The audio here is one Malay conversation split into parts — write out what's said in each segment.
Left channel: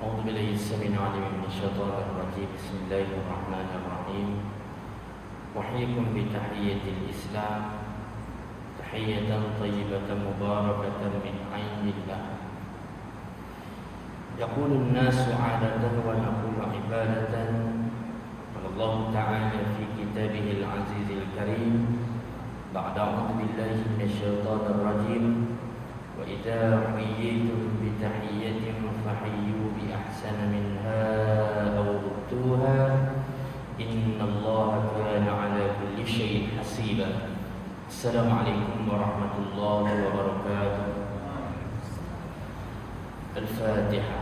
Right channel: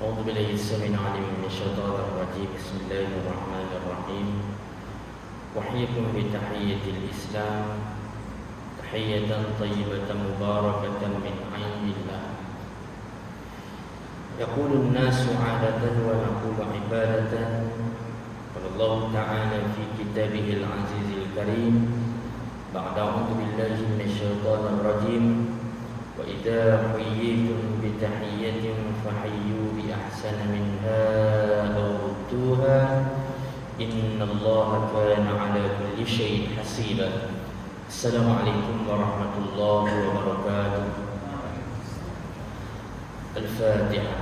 أعوذ بالله السميع العليم من الشيطان الرجيم. بسم الله الرحمن الرحيم. أحييكم بتحية الإسلام، تحية طيبة مباركة من عند الله. يقول الناس عادة ونقول عبادة. قال الله تعالى في كتابه العزيز الكريم بعد أعوذ بالله من الشيطان الرجيم: وإذا حييتم بتحية فحيوا بأحسن منها أو ردوها إن الله كان على كل شيء حسيبا. السلام عليكم ورحمة الله وبركاته. الفاتحة.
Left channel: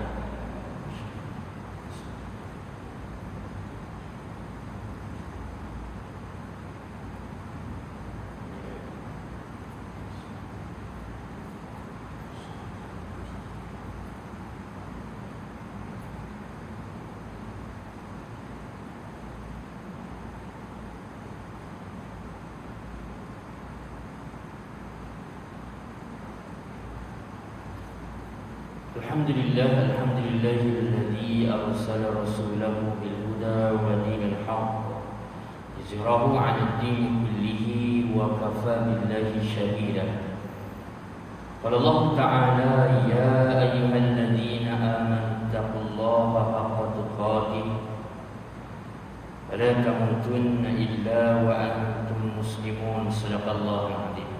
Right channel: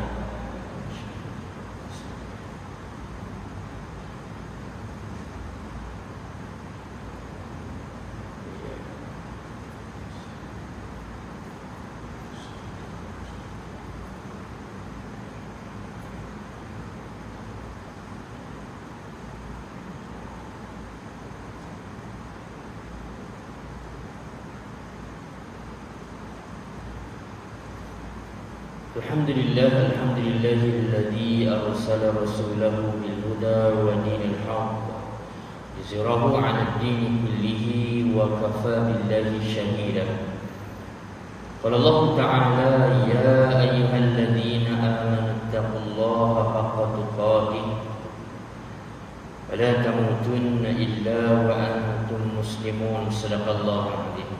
الحمد لله الذي أرسل رسوله بالهدى ودين الحق ليظهره على الدين كله وكفى بالله شهيدا. قال الله تعالى: يا أيها الذين آمنوا اتقوا الله حق تقاته ولا تموتن إلا وأنتم مسلمون. صدق الله العظيم.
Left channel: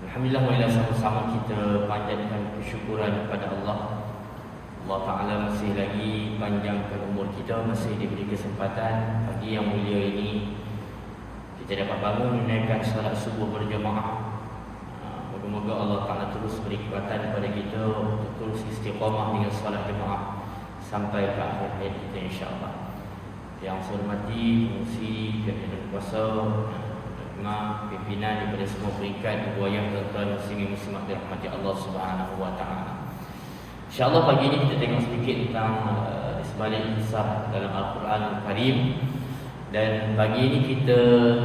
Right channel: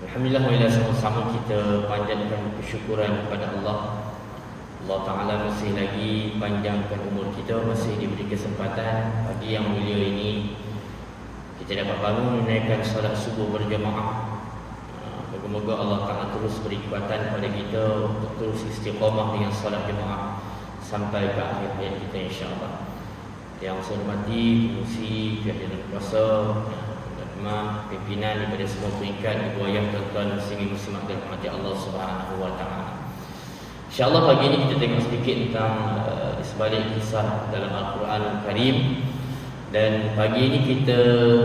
Alhamdulillah, marilah sama-sama kita panjatkan kesyukuran kepada Allah. Allah Ta'ala masih lagi panjangkan umur kita, masih diberi kesempatan pagi yang mulia ini kita dapat bangun menaikkan salat subuh berjemaah. Moga-moga Allah Ta'ala terus beri kekuatan kepada kita untuk terus istiqamah dengan salat jemaah sampai ke akhir hayat kita, insya-Allah. Yang saya hormati pengurusi pihak jalan kuasa, imam, pimpinan daripada semua peringkat, ibu ayah, tuan-tuan muslimin muslimat dirahmati Allah Subhanahu wa taala. Insya-Allah pagi ini kita tengok sedikit tentang sebalik kisah dalam Al-Quran Al-Karim, dan pagi ini kita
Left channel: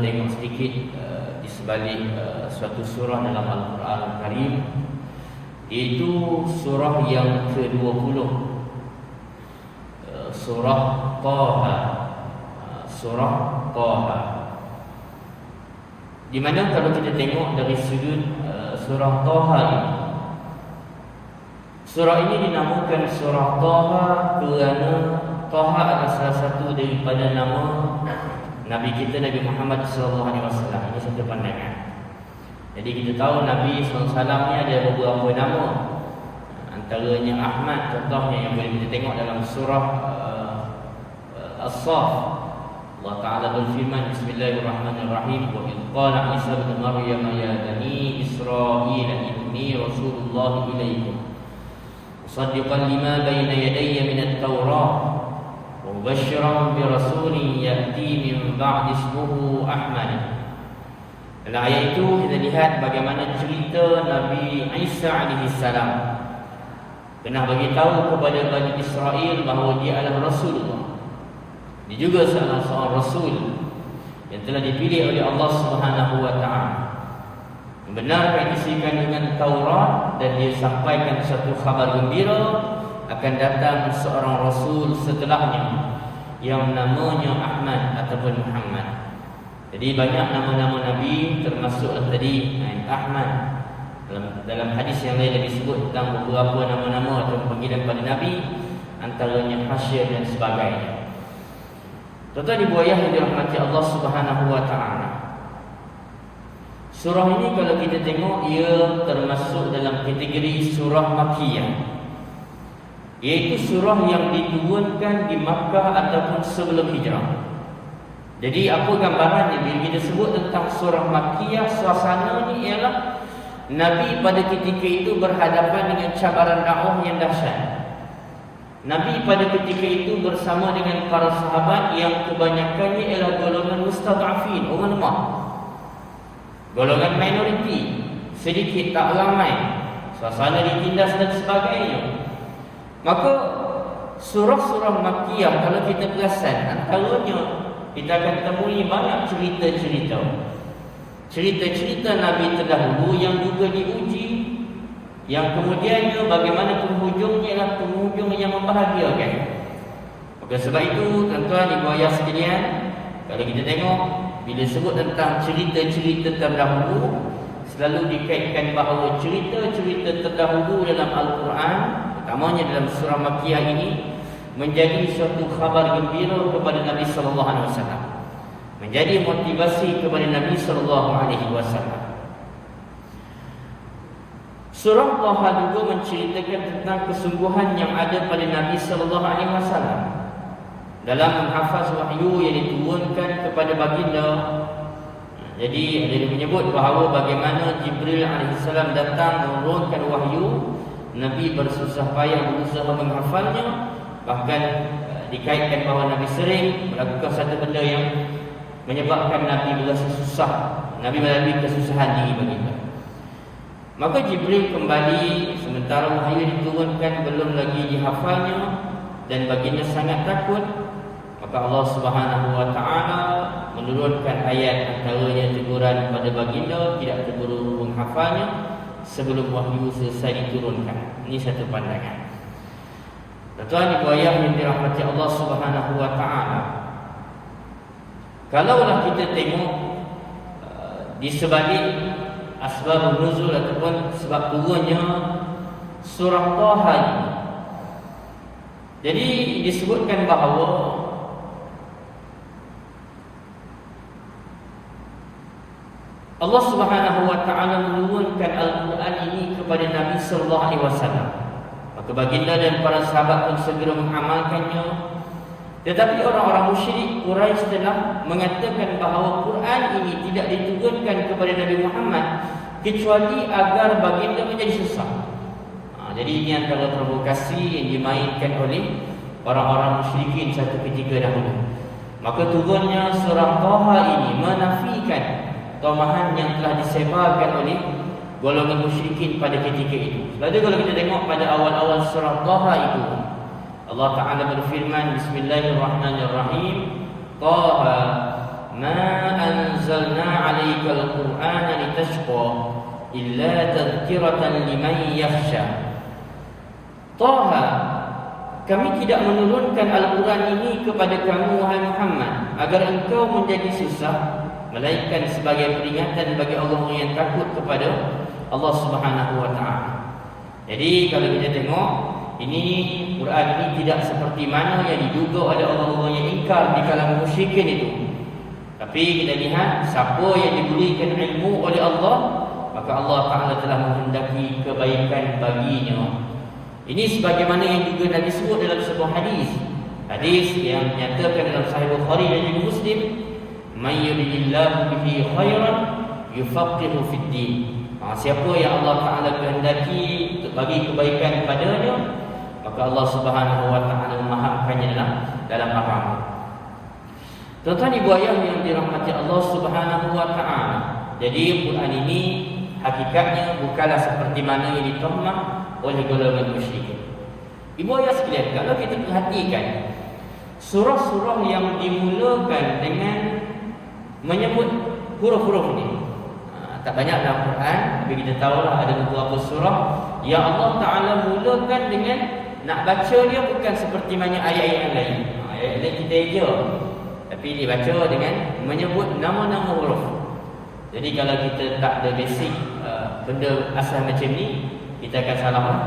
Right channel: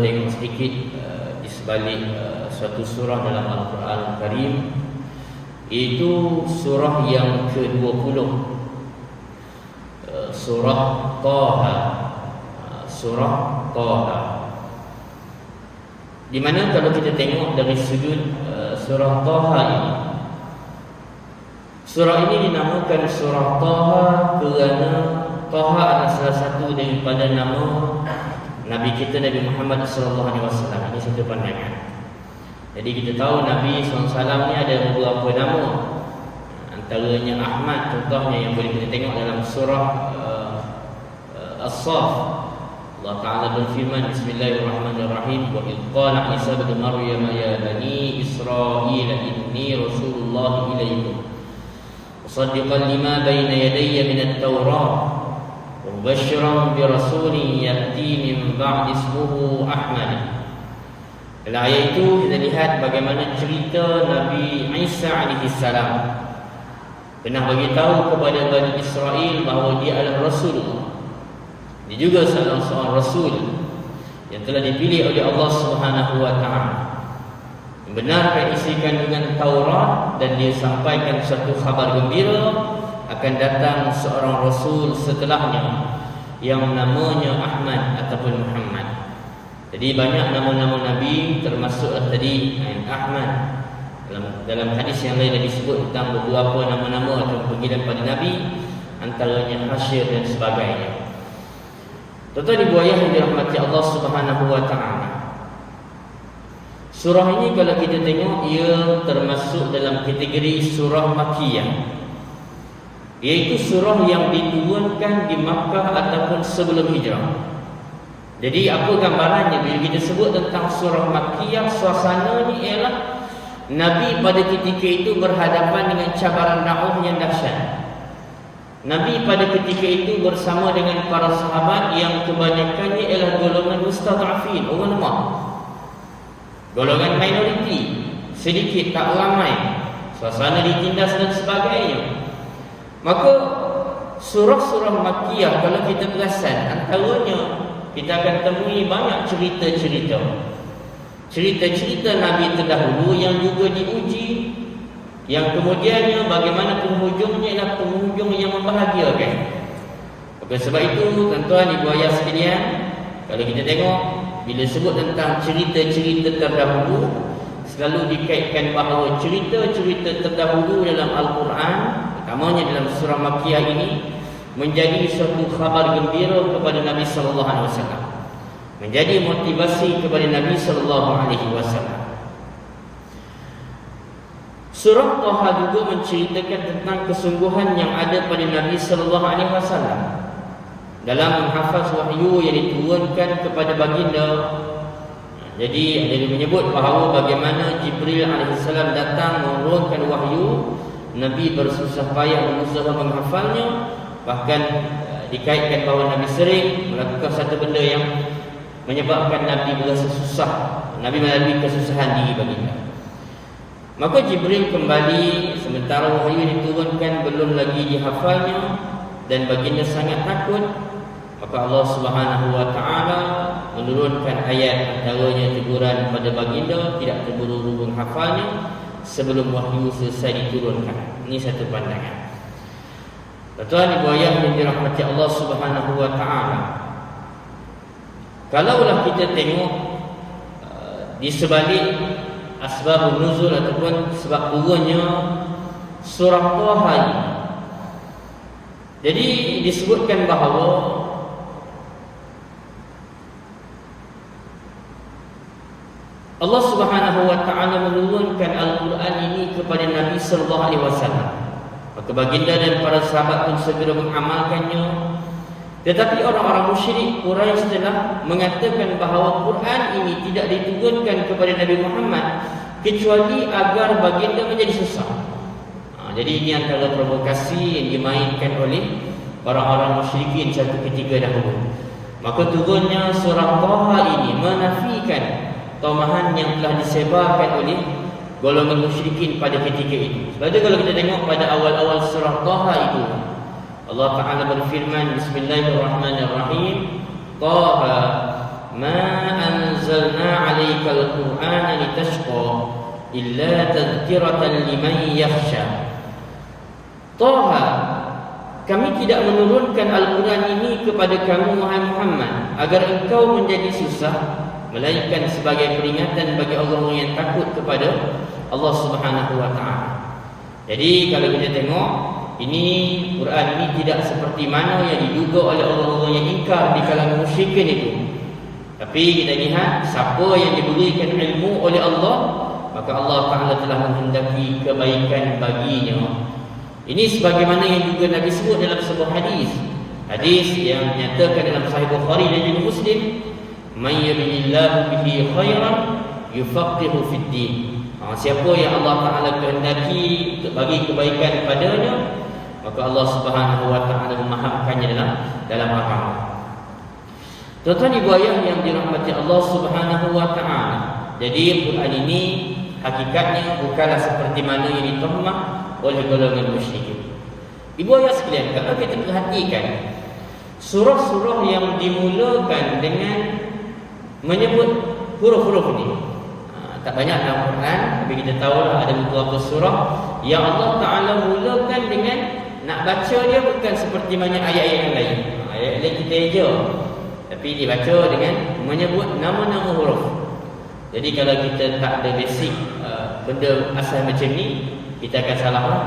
tengok sedikit di sebalik suatu surah dalam Al-Quran Al-Karim, iaitu surah yang ke-20, surah Taha. Surah Taha, di mana kalau kita tengok dari sudut surah Taha ini, surah ini dinamakan surah Taha kerana Taha adalah salah satu daripada nama Nabi kita, Nabi Muhammad SAW. Ini satu pandangan. Jadi kita tahu Nabi SAW ni ada beberapa nama, antaranya Ahmad, contohnya yang boleh kita tengok dalam surah As-Saff. Allah Ta'ala berfirman, Bismillahirrahmanirrahim: wa idh qala Isa ibn Maryam ya bani Israil inni Rasulullah ilaikum musaddiqan lima bayna yadayya min at-Taurah wa mubasysyiran bi rasulin ya'ti min ba'di ismuhu Ahmad. Dalam ayat itu kita lihat bagaimana cerita Nabi Isa alaihi salam pernah bagi tahu kepada Bani Israel bahawa dia adalah Rasulullah. Dia juga salah seorang Rasul yang telah dipilih oleh Allah Subhanahu wa taala, membenarkan isi kandungan Taurat, dan dia sampaikan satu khabar gembira akan datang seorang Rasul setelahnya yang namanya Ahmad ataupun Muhammad. Jadi banyak nama-nama Nabi, termasuk tadi Ahmad. Dalam hadis yang lain disebut tentang beberapa nama-nama atau panggilan pada Nabi, antaranya Hasyir dan sebagainya. Tuan-tuan ibu ayah yang dirahmati Allah Subhanahu wa taala, surah ini kalau kita tengok, ia termasuk dalam kategori surah Makkiyah, iaitu surah yang diturunkan di Makkah ataupun sebelum hijrah. Jadi apa gambarannya bila kita sebut tentang surah Makkiyah? Suasananya ialah Nabi pada ketika itu berhadapan dengan cabaran dakwah yang dahsyat. Nabi pada ketika itu bersama dengan para sahabat yang kebanyakannya ialah golongan mustad'afin, orang lemah, golongan minoriti, sedikit tak ramai, suasana ditindas dan sebagainya. Maka surah-surah Makkiyah kalau kita perasan, antaranya kita akan temui banyak cerita-cerita Nabi terdahulu yang juga diuji yang kemudiannya bagaimana penghujungnya ialah penghujung yang membahagiakan. Oleh sebab itu, tuan-tuan ibu ayah sekalian, kalau kita tengok bila sebut tentang cerita-cerita terdahulu, selalu dikaitkan bahawa cerita-cerita terdahulu dalam Al-Quran, utamanya dalam surah Makkiyah ini, menjadi suatu khabar gembira kepada Nabi sallallahu alaihi wasallam. Menjadi motivasi kepada Nabi sallallahu alaihi wasallam. Surah Taha juga menceritakan tentang kesungguhan yang ada pada Nabi sallallahu alaihi wasallam dalam menghafaz wahyu yang diturunkan kepada baginda. Jadi ada yang menyebut bahawa bagaimana Jibril alaihissalam datang menurunkan wahyu, Nabi bersusah payah berusaha menghafalnya. Bahkan dikaitkan bahawa Nabi sering melakukan satu benda yang menyebabkan Nabi berasa susah. Nabi melalui kesusahan diri baginda. Maka Jibril kembali sementara wahyu yang diturunkan belum lagi dihafalnya dan baginda sangat takut. Maka Allah Subhanahu wa taala menurunkan ayat antaranya teguran pada baginda tidak terburu-buru menghafalnya sebelum wahyu selesai diturunkan. Ini satu pandangan. Tuan ibu ayah yang dirahmati Allah Subhanahu wa taala. Kalaulah kita tengok di sebalik asbabun nuzul ataupun sebab turunnya surah Taha ini. Jadi disebutkan bahawa Allah Subhanahu wa taala menurunkan Al-Quran ini kepada Nabi sallallahu alaihi wasallam. Maka baginda dan para sahabat pun segera mengamalkannya. Tetapi orang-orang musyrik Quraisy telah mengatakan bahawa Quran ini tidak diturunkan kepada Nabi Muhammad kecuali agar baginda menjadi susah. Jadi ini antara provokasi yang dimainkan oleh orang-orang musyrikin satu ketika dahulu. Maka turunnya surah Taha ini menafikan tomahan yang telah disebarkan oleh golongan musyrikin pada ketika itu. Lalu kalau kita tengok pada awal-awal surah Taha itu, Allah Ta'ala berfirman, Bismillahirrahmanirrahim, Taha ma anzalna alaikal Qur'ana litashqa illa tadhkiratan liman yakhsha. Taha, kami tidak menurunkan Al-Quran ini kepada kamu wahai Muhammad agar engkau menjadi susah, melainkan sebagai peringatan bagi orang-orang yang takut kepada Allah Subhanahu wa taala. Jadi kalau kita tengok ini Quran ini tidak seperti mana yang diduga oleh orang-orang yang ingkar di kalangan musyrikin itu. Tapi kita lihat siapa yang diberikan ilmu oleh Allah, maka Allah Taala telah menghendaki kebaikan baginya. Ini sebagaimana yang juga Nabi sebut dalam sebuah hadis. Hadis yang dinyatakan dalam Sahih Bukhari dan juga Muslim, "May yuridillahu bihi khairan yufaqihu fid din." Siapa yang Allah Taala kehendaki untuk bagi kebaikan padanya, maka Allah Subhanahu wa taala memahamkannya dalam agama. Tuan-tuan ibu ayah yang dirahmati Allah Subhanahu wa taala. Jadi Quran ini hakikatnya bukanlah seperti mana yang dituhmah oleh golongan musyrikin. Ibu ayah sekalian, kalau kita perhatikan surah-surah yang dimulakan dengan menyebut huruf-huruf ini, tak banyak dalam Quran, tapi kita tahu ada beberapa surah yang Allah Ta'ala mulakan dengan nak baca dia bukan seperti mana ayat-ayat yang lain. Ayat lain kita eja, tapi dibaca dengan menyebut nama-nama huruf. Jadi kalau kita tak ada basic benda asal macam ni, kita akan salah lah.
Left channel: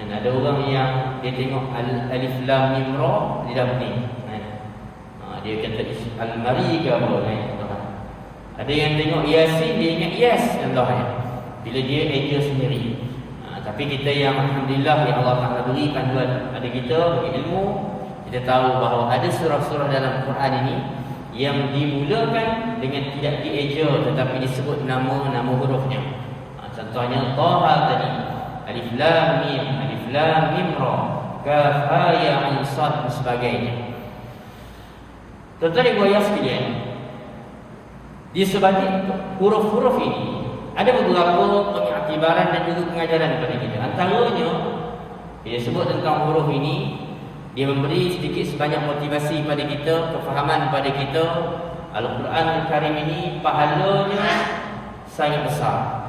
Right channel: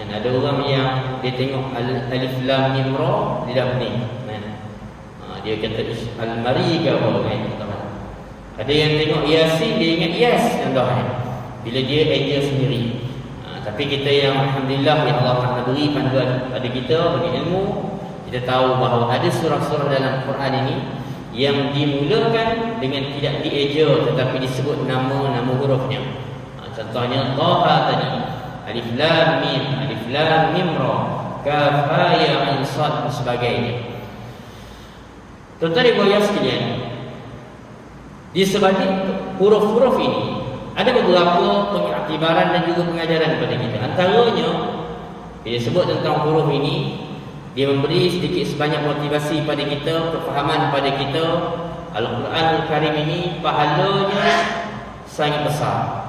Ada orang yang dia tengok alif lam mim ra, dia dah pening. Dia kata al-mari ke apa kan? Ada yang tengok Yasin, dia ingat yes contohnya, bila dia eja sendiri. Tapi kita yang alhamdulillah yang Allah Ta'ala beri panduan pada kita, bagi ilmu, kita tahu bahawa ada surah-surah dalam Quran ini yang dimulakan dengan tidak dieja tetapi disebut nama-nama hurufnya. Contohnya Taha tadi, alif lam mim ra, kaf ha ya ain sad dan sebagainya. Tuan-tuan ibu ayah sekalian, di sebalik huruf-huruf ini ada beberapa pengiktibaran dan juga pengajaran kepada kita. Antaranya, bila sebut tentang huruf ini, dia memberi sedikit sebanyak motivasi pada kita, kefahaman pada kita. Al-Quran Al-Karim ini pahalanya sangat besar.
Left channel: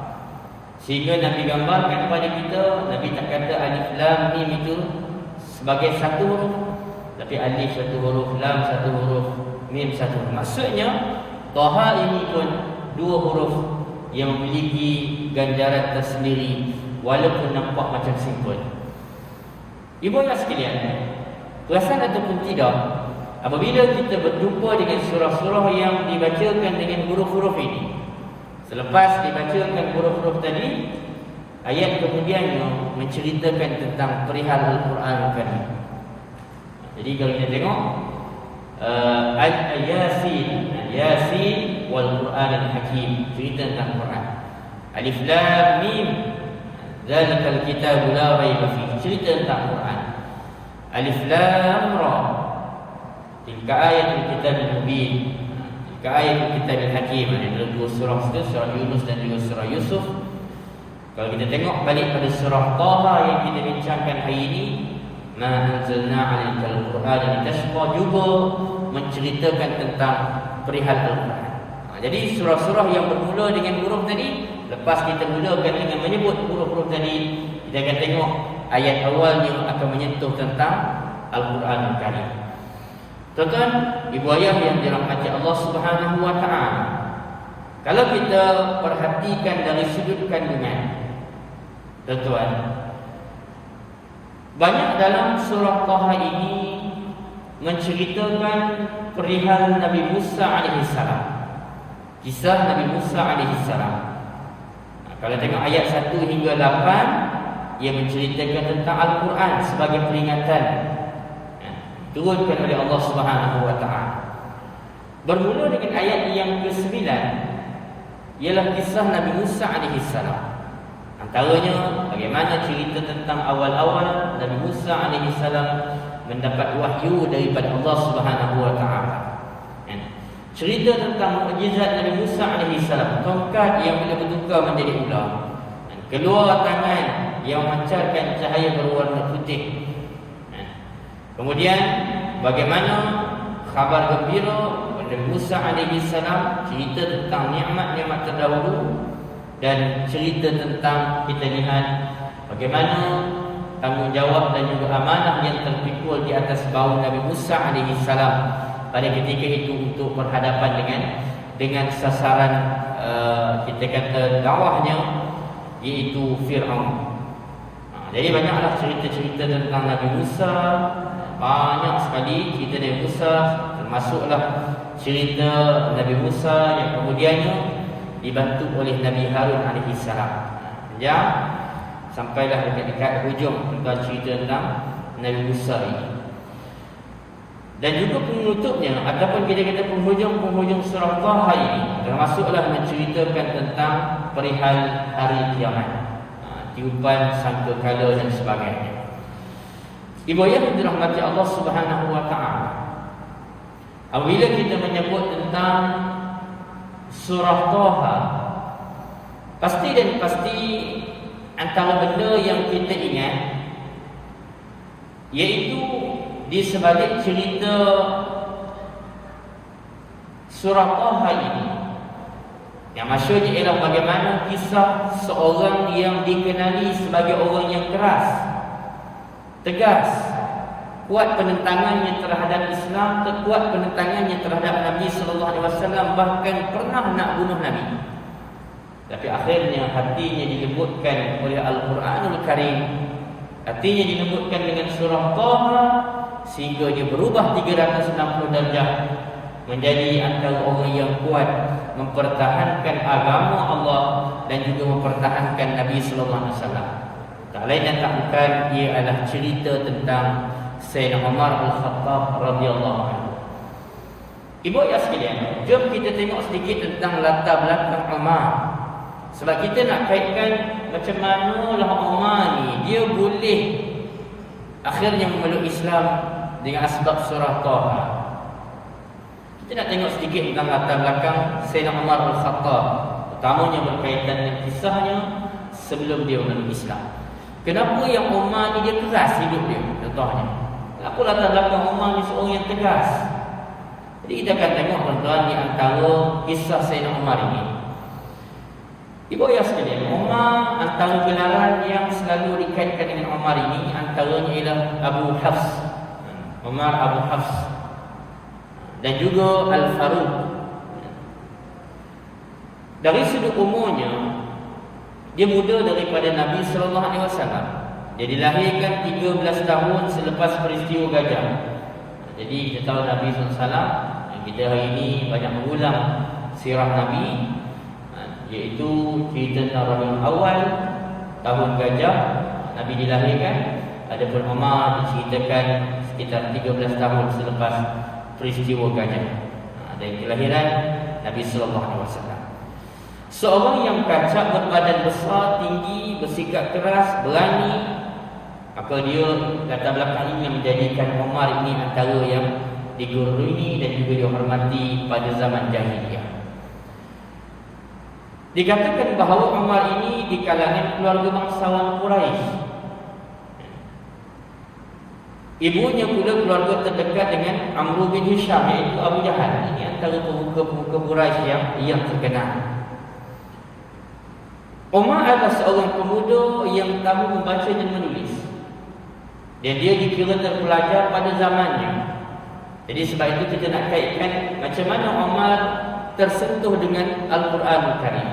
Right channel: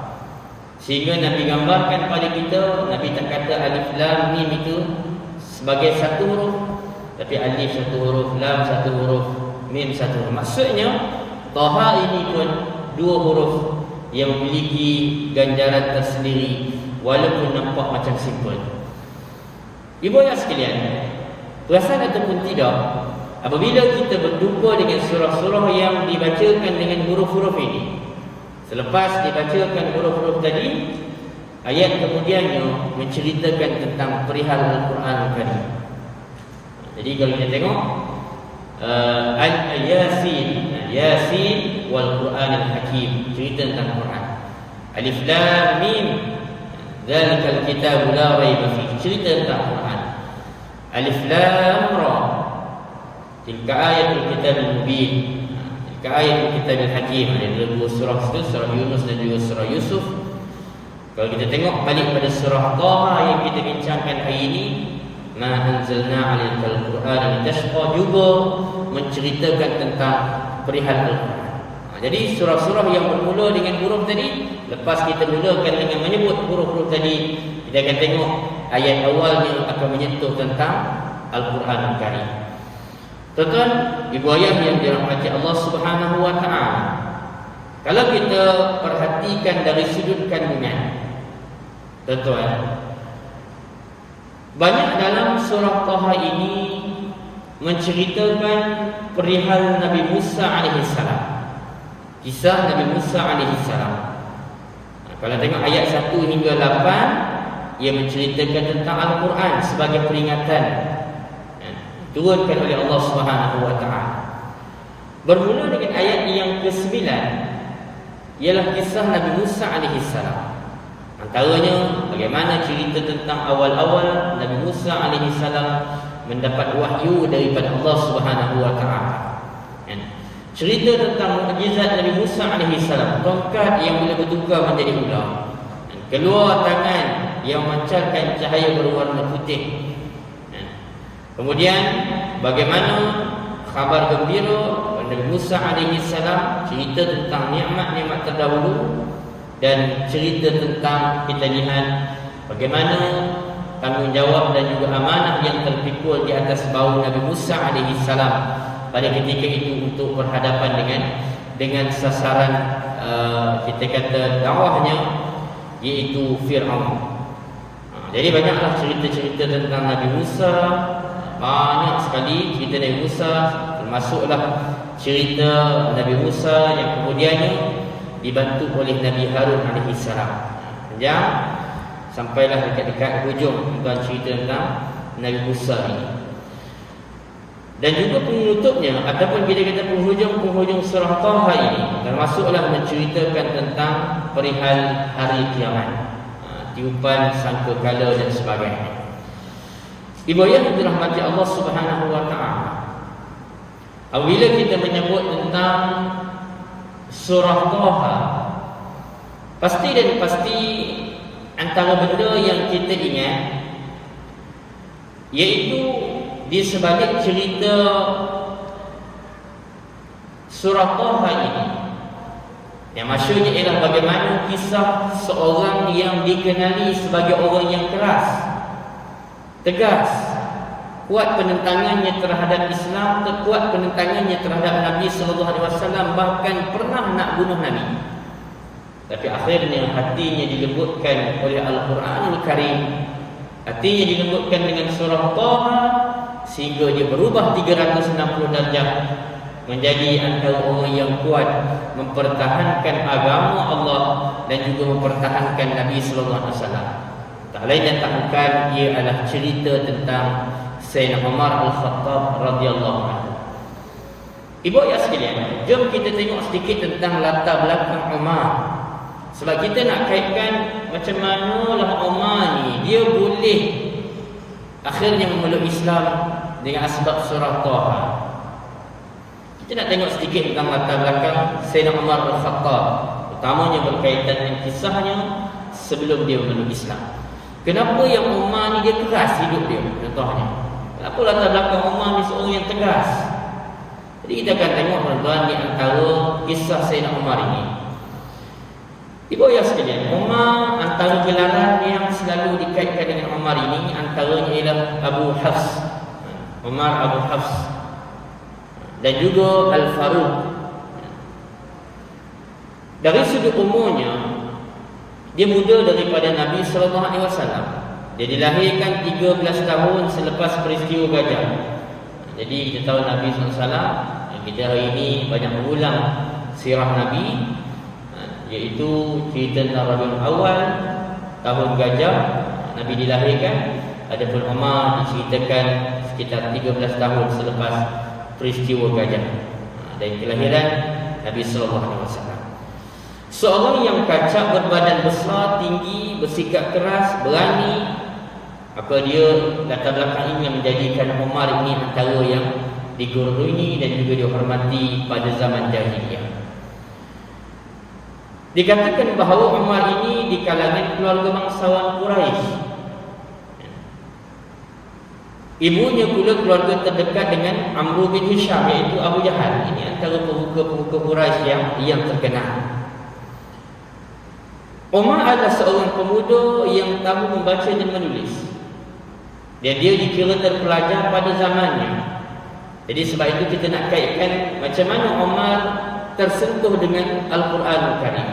Sehingga Nabi gambarkan pada kita, Nabi tak kata alif lam mim itu sebagai satu huruf, tapi alif satu huruf, lam satu huruf, mim satu huruf. Maksudnya Taha ini pun dua huruf yang memiliki ganjaran tersendiri walaupun nampak macam simple. Ibu ayah sekalian, perasan ataupun tidak, apabila kita berjumpa dengan surah-surah yang dibacakan dengan huruf-huruf ini, selepas dibacakan huruf-huruf tadi, ayat kemudiannya menceritakan tentang perihal Al-Quran Karim. Jadi kalau kita tengok Yasin, Yasin wal Quran Al-Hakim, cerita tentang Quran. Alif Lam Mim, Zalikal Kitabu La Raiba Fihi, cerita tentang Quran. Alif Lam Ra, tilka ayatul Kitabil Mubin, tilka ayatul Kitabil Hakim. Ada dua surah itu, surah Yunus dan juga surah Yusuf. Kalau kita tengok balik pada surah Taha yang kita bincangkan hari ini, Ma anzalna 'alaikal Qur'ana litashqa, juga menceritakan tentang perihal Al-Quran. Jadi surah-surah yang bermula dengan huruf tadi, lepas kita mulakan dengan menyebut huruf-huruf tadi, kita akan tengok ayat awalnya akan menyentuh tentang Al-Quran Al-Karim. Tuan-tuan, ibu ayah yang dirahmati Allah Subhanahu wa taala, kalau kita perhatikan dari sudut kandungan, tuan-tuan, banyak dalam surah Taha ini menceritakan perihal Nabi Musa alaihissalam, kisah Nabi Musa alaihissalam. Kalau tengok ayat 1 hingga 8, ia menceritakan tentang Al-Quran sebagai peringatan turunkan oleh Allah Subhanahu wa taala. Bermula dengan ayat yang ke-9 ialah kisah Nabi Musa alaihissalam. Antaranya bagaimana cerita tentang awal-awal Nabi Musa alaihissalam mendapat wahyu daripada Allah Subhanahu wa taala. Cerita tentang mukjizat Nabi Musa alaihissalam, tongkat yang boleh bertukar menjadi ular, keluar tangan yang memancarkan cahaya berwarna putih. Kemudian bagaimana khabar gembira Nabi Musa alaihissalam, cerita tentang nikmat-nikmat terdahulu dan cerita tentang kita lihat bagaimana tanggungjawab dan juga amanah yang terpikul di atas bahu Nabi Musa alaihissalam pada ketika itu untuk berhadapan dengan sasaran kita kata dakwahnya, iaitu Fir'aun. Jadi banyaklah cerita-cerita tentang Nabi Musa, banyak sekali cerita Nabi Musa, termasuklah cerita Nabi Musa yang kemudiannya dibantu oleh Nabi Harun alaihissalam. Panjang sampailah dekat-dekat hujung tuan cerita tentang Nabi Musa ini. Dan juga penutupnya ataupun kita penghujung surah Taha ini termasuklah menceritakan tentang perihal hari kiamat, tiupan sangkakala dan sebagainya. Ibu ayah dirahmati Allah Subhanahu wa taala, apabila kita menyebut tentang surah Taha, pasti dan pasti antara benda yang kita ingat iaitu di sebalik cerita surah Taha ini, yang maksudnya ialah bagaimana kisah seorang yang dikenali sebagai orang yang keras, tegas, kuat penentangannya terhadap Islam, kuat penentangannya terhadap Nabi sallallahu alaihi wasallam, bahkan pernah nak bunuh Nabi. Tapi akhirnya hatinya dilembutkan oleh Al-Quranul Karim, hatinya dilembutkan dengan surah Taha, sehingga dia berubah 360 darjah menjadi antara orang yang kuat mempertahankan agama Allah dan juga mempertahankan Nabi sallallahu alaihi wasallam. Tak lain dan tak bukan, ia adalah cerita tentang Sayyidina Umar Al-Khattab radhiyallahu anhu. Ibu ayah sekalian, jom kita tengok sedikit tentang latar belakang Umar. Sebab kita nak kaitkan macam manalah Umar ni dia boleh akhirnya memeluk Islam dengan asbab surah Taha. Kita nak tengok sedikit tentang latar belakang Sayyidina Umar Al-Khattab, utamanya berkaitan dengan kisahnya sebelum dia memeluk Islam. Kenapa yang Umar ni dia keras hidup dia? Contohnya, kenapa latar belakang Umar ni seorang yang tegas? Jadi kita akan tengok tuan-tuan di antara kisah Sayyidina Umar ini. Ibu ayah sekalian, Umar antara gelaran yang selalu dikaitkan dengan Umar ini antaranya ialah Abu Hafs. Umar Abu Hafs dan juga Al-Faruq. Dari sudut umurnya, dia muda daripada Nabi sallallahu alaihi wasallam. Dia dilahirkan 13 tahun selepas peristiwa Gajah. Jadi kita tahu Nabi sallallahu alaihi wasallam, kita hari ini banyak mengulang sirah Nabi, iaitu cerita tentang Rabiul Awal, tahun Gajah Nabi dilahirkan. Adapun Umar diceritakan sekitar 13 tahun selepas peristiwa Gajah dan kelahiran Nabi sallallahu alaihi wasallam. Seorang yang kacak, berbadan besar, tinggi, bersikap keras, berani. Maka dia latar belakang ini yang menjadikan Umar ini antara yang digurui dan juga dihormati pada zaman jahiliyah. Dikatakan bahawa Umar ini di kalangan keluarga bangsawan Quraisy. Ibunya pula keluarga terdekat dengan Amr bin Hisham, iaitu Abu Jahal. Ini antara pemuka-pemuka Quraisy yang terkenal. Umar adalah seorang pemuda yang tahu membaca dan menulis, dan dia dikira terpelajar pada zamannya. Jadi sebab itu kita nak kaitkan macam mana Umar tersentuh dengan Al-Quranul Karim.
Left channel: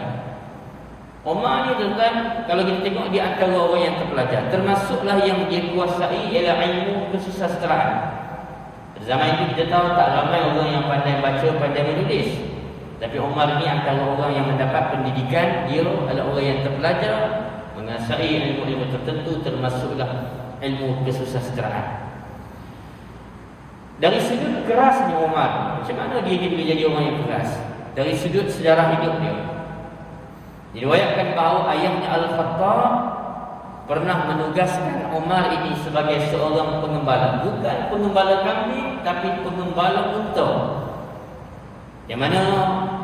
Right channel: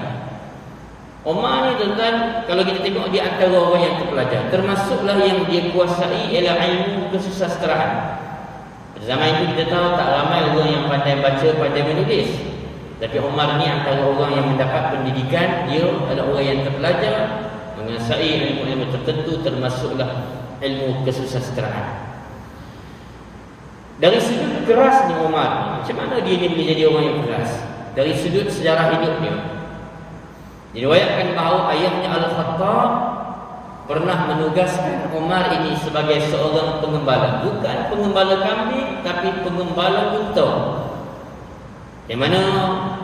Umar ni tuan-tuan, kalau kita tengok di antara orang yang terpelajar, termasuklah yang dia kuasai ialah ilmu kesusasteraan. Pada zaman itu kita tahu tak ramai orang yang pandai baca, pandai menulis. Tapi Umar ni antara orang yang mendapat pendidikan. Dia adalah orang yang terpelajar, menguasai ilmu-ilmu tertentu, termasuklah ilmu kesusasteraan. Dari sudut keras ni Umar ni, macam mana dia ni boleh jadi orang yang keras? Dari sudut sejarah hidup dia, diriwayatkan bahawa ayahnya Al-Khattab pernah menugaskan Umar ini sebagai seorang pengembala. Bukan pengembala kambing, tapi pengembala unta. Yang mana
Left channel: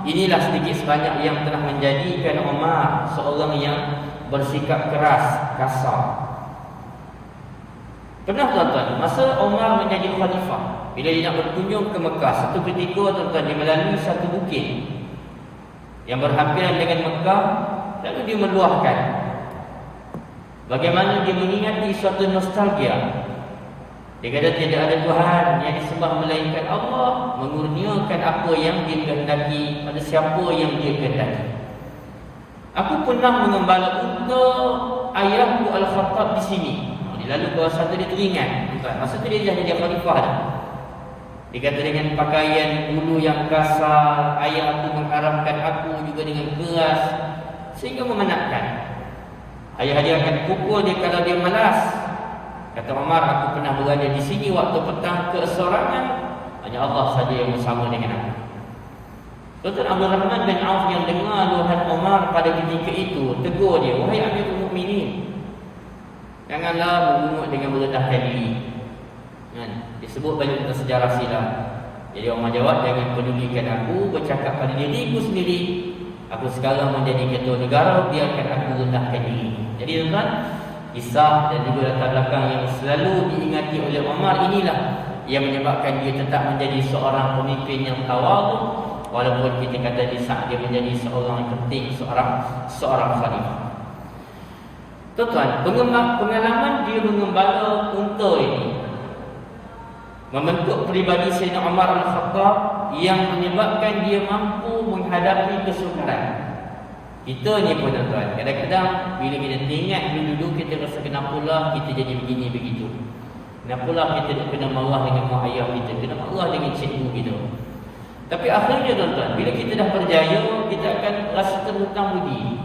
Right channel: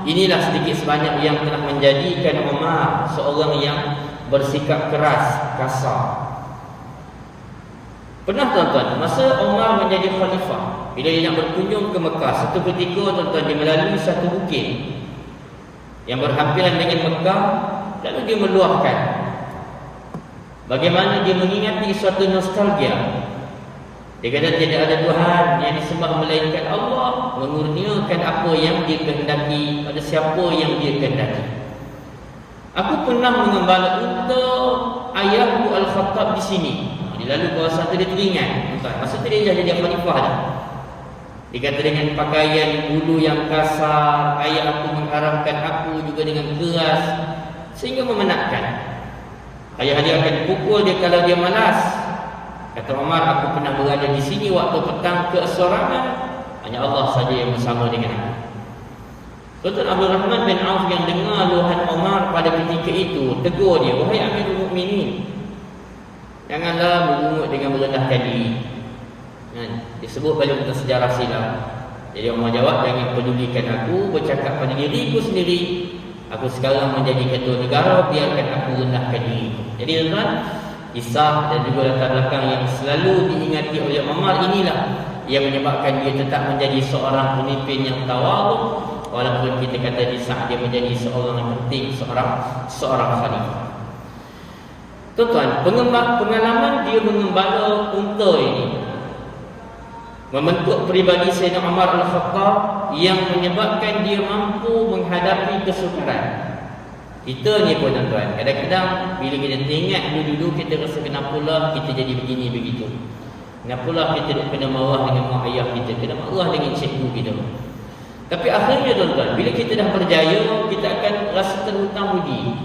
inilah sedikit sebanyak yang telah menjadikan Umar seorang yang bersikap keras, kasar. Pernah tuan-tuan, masa Umar menjadi khalifah, bila dia nak berkunjung ke Mekah, satu ketika tuan-tuan dia melalui satu bukit yang berhampiran dengan Mekah. Lalu dia meluahkan bagaimana dia mengingati suatu nostalgia. Dia kata tidak ada Tuhan yang disembah melainkan Allah, mengurniakan apa yang dia kehendaki pada siapa yang dia kehendaki. Aku pernah mengembala unta ayahku Al-Khattab di sini. Jadi lalu kawasan itu dia teringat, masa tu dia dah jadi khalifah dah. Dia kata dengan pakaian bulu yang kasar, ayah aku mengharamkan aku juga dengan keras, sehingga memenatkan. Ayah dia akan pukul dia kalau dia malas. Kata Umar, aku pernah berada di sini waktu petang keesorangan, hanya Allah saja yang bersama dengan aku. Tuan Abdul Rahman bin Auf yang dengar luahan Umar pada ketika itu, tegur dia, wahai Amirul Mukminin, janganlah mengungut dengan merendahkan diri. Disebut balik tentang sejarah silam. Jadi Umar jawab, jangan pedulikan aku, bercakap pada diriku sendiri. Aku sekarang menjadi ketua negara, biarkan aku rendahkan diri. Jadi tuan-tuan, kisah dan juga latar belakang yang selalu diingati oleh Umar inilah yang menyebabkan dia tetap menjadi seorang pemimpin yang tawaduk, walaupun kita kata di saat dia menjadi seorang yang penting, seorang khalifah. Tuan-tuan, pengalaman dia mengembala unta ini membentuk peribadi Sayyidina Umar Al-Khattab yang menyebabkan dia mampu menghadapi kesukaran. Kita ni pun tuan-tuan, kadang-kadang bila kita teringat dulu kita rasa kenapalah kita jadi begini begitu. Kenapalah kita duk kena marah dengan mak ayah kita, kena marah dengan cikgu kita. Tapi akhirnya tuan-tuan, bila kita dah berjaya, kita akan rasa terhutang budi.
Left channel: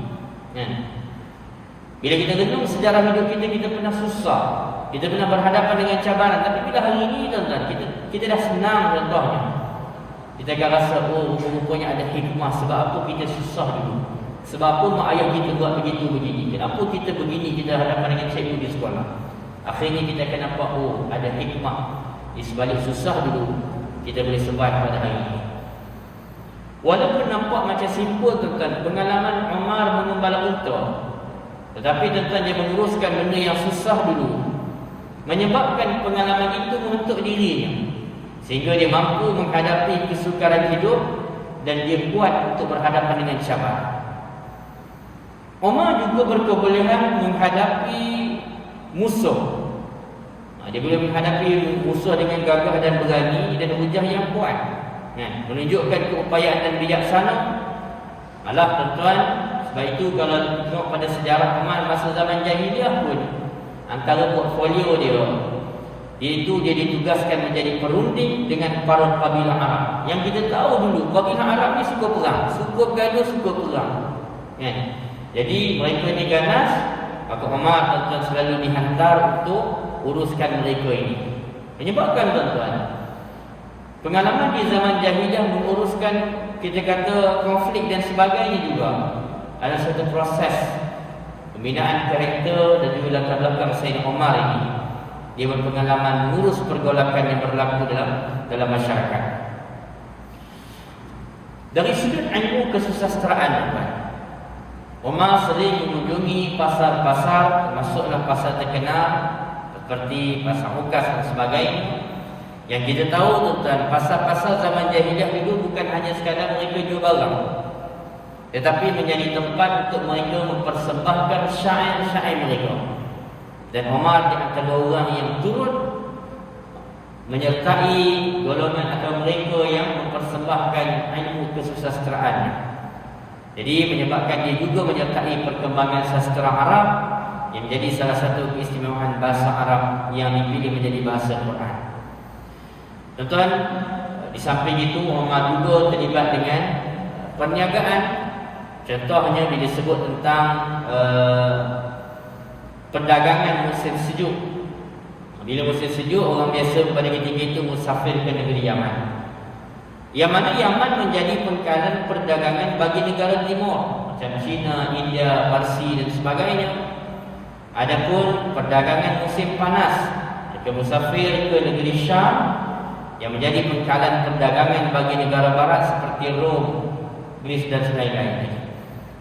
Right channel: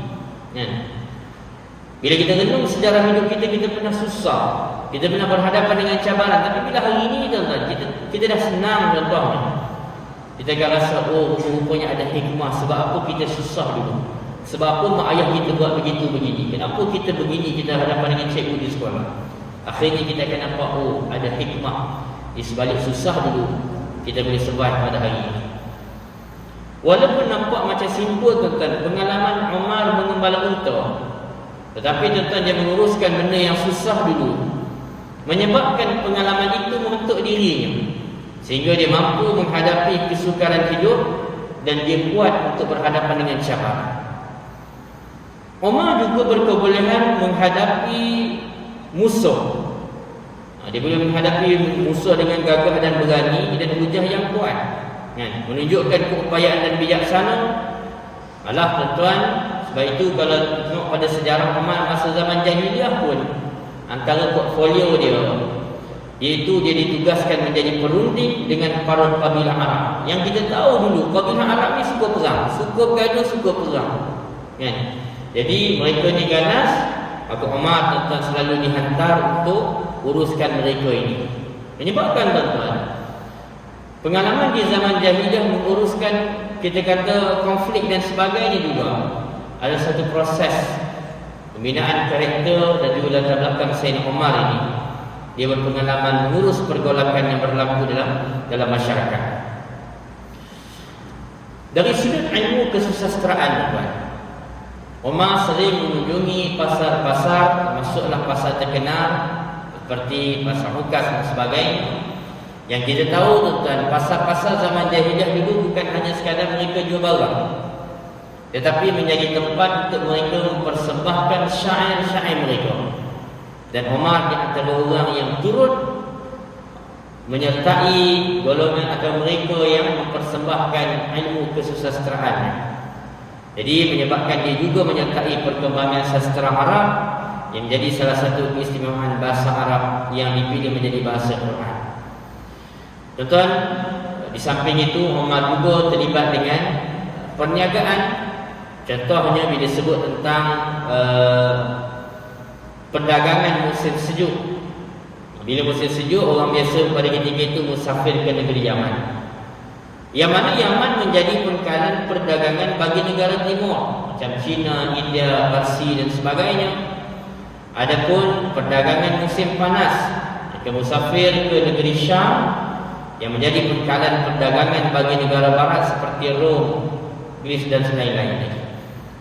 Bila kita renung sejarah hidup kita, kita pernah susah, kita pernah berhadapan dengan cabaran. Tapi bila hari ini tuan-tuan, kita dah senang contohnya, kita akan rasa, oh rupanya ada hikmah. Sebab apa kita susah dulu, sebab apa mak ayah kita buat begitu begini, kenapa kita begini, kita hadapan dengan cikgu di sekolah. Akhirnya kita akan nampak, oh ada hikmah di sebalik susah dulu, kita boleh survive pada hari ini. Walaupun nampak macam simple tuan-tuan, pengalaman Umar mengembala unta, tetapi tuan-tuan dia menguruskan benda yang susah dulu, menyebabkan pengalaman itu membentuk dirinya, sehingga dia mampu menghadapi kesukaran hidup dan dia kuat untuk berhadapan dengan cabaran. Umar juga berkebolehan menghadapi musuh. Dia boleh menghadapi musuh dengan gagah dan berani dan hujah yang kuat, kan? Menunjukkan keupayaan dan bijaksana. Malah tuan-tuan, sebab itu kalau tengok pada sejarah Umar masa zaman jahiliah pun, antara portfolio dia, iaitu dia ditugaskan menjadi perunding dengan para kabilah Arab. Yang kita tahu dulu, kabilah Arab ni suka perang, suka bergaduh, suka perang, kan? Jadi mereka ni ganas, maka Umar tuan-tuan selalu dihantar untuk uruskan mereka ini. Menyebabkan tuan-tuan, pengalaman di zaman jahiliah menguruskan, kita kata, konflik dan sebagainya juga ada satu proses pembinaan karakter dan juga latar belakang Sayyidina Umar ini. Dia berpengalaman mengurus pergolakan yang berlaku dalam masyarakat. Dari sudut ilmu kesusastraan, tuan, Umar sering mengunjungi pasar-pasar, termasuklah pasar terkenal seperti pasar Hukas dan sebagainya. Yang kita tahu tuan-tuan, pasar-pasar zaman jahiliah dulu bukan hanya sekadar mereka jual barang, tetapi menjadi tempat untuk mereka mempersembahkan syair-syair mereka. Dan Umar di antara orang yang turut menyertai golongan atau mereka yang mempersembahkan ilmu kesusastraan. Jadi menyebabkan dia juga menyertai perkembangan sastra Arab yang menjadi salah satu keistimewaan bahasa Arab yang dipilih menjadi bahasa Quran. Tuan-tuan, di samping itu Umar juga terlibat dengan perniagaan. Contohnya bila disebut tentang perdagangan musim sejuk. Bila musim sejuk, orang biasa pada ketika itu musafir ke negeri Yaman. Yang mana Yaman menjadi pangkalan perdagangan bagi negara timur macam China, India, Parsi dan sebagainya. Adapun perdagangan musim panas, mereka musafir ke negeri Syam yang menjadi pangkalan perdagangan bagi negara barat seperti Rom, Greece dan lain-lain.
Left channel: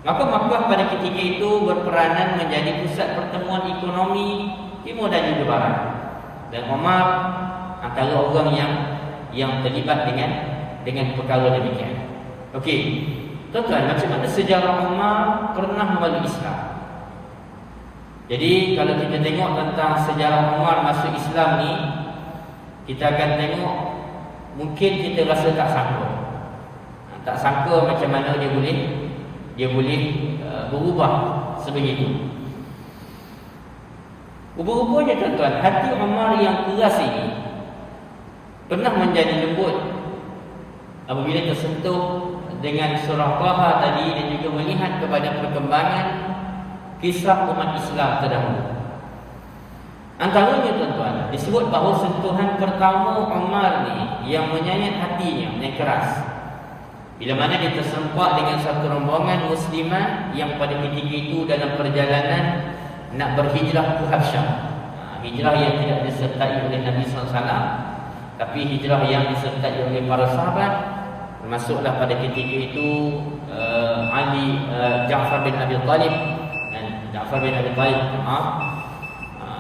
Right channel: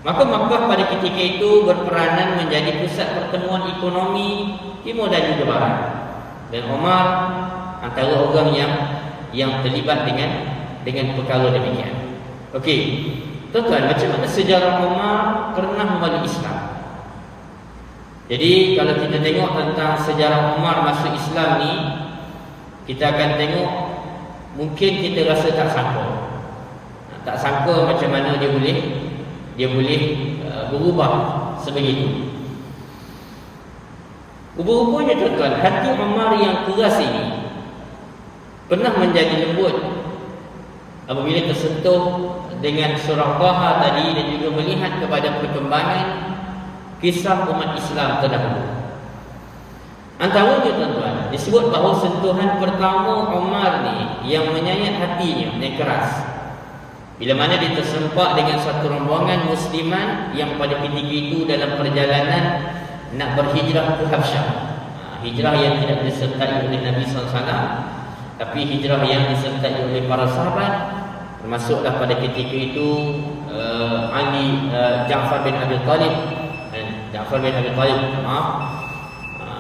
Maka Makkah pada ketika itu berperanan menjadi pusat pertemuan ekonomi timur dan juga barat. Dan Umar antara orang yang terlibat dengan perkara demikian. Okey, tuan-tuan, macam mana sejarah Umar pernah memeluk Islam? Jadi kalau kita tengok tentang sejarah Umar masuk Islam ni, kita akan tengok, mungkin kita rasa tak sangka macam mana dia boleh berubah sebegitu. Rupa-rupanya tuan-tuan, hati Umar yang keras ini pernah menjadi lembut apabila tersentuh dengan surah Taha tadi dan juga melihat kepada perkembangan kisah umat Islam terdahulu. Antaranya tuan-tuan, disebut bahawa sentuhan pertama Umar ni yang menyayat hatinya, yang keras, bila mana dia tersempak dengan satu rombongan musliman yang pada ketika itu dalam perjalanan nak berhijrah ke Habsyah. Hijrah yang tidak disertai oleh Nabi SAW, tapi hijrah yang disertai oleh para sahabat, termasuklah pada ketika itu Ja'far bin Abi Talib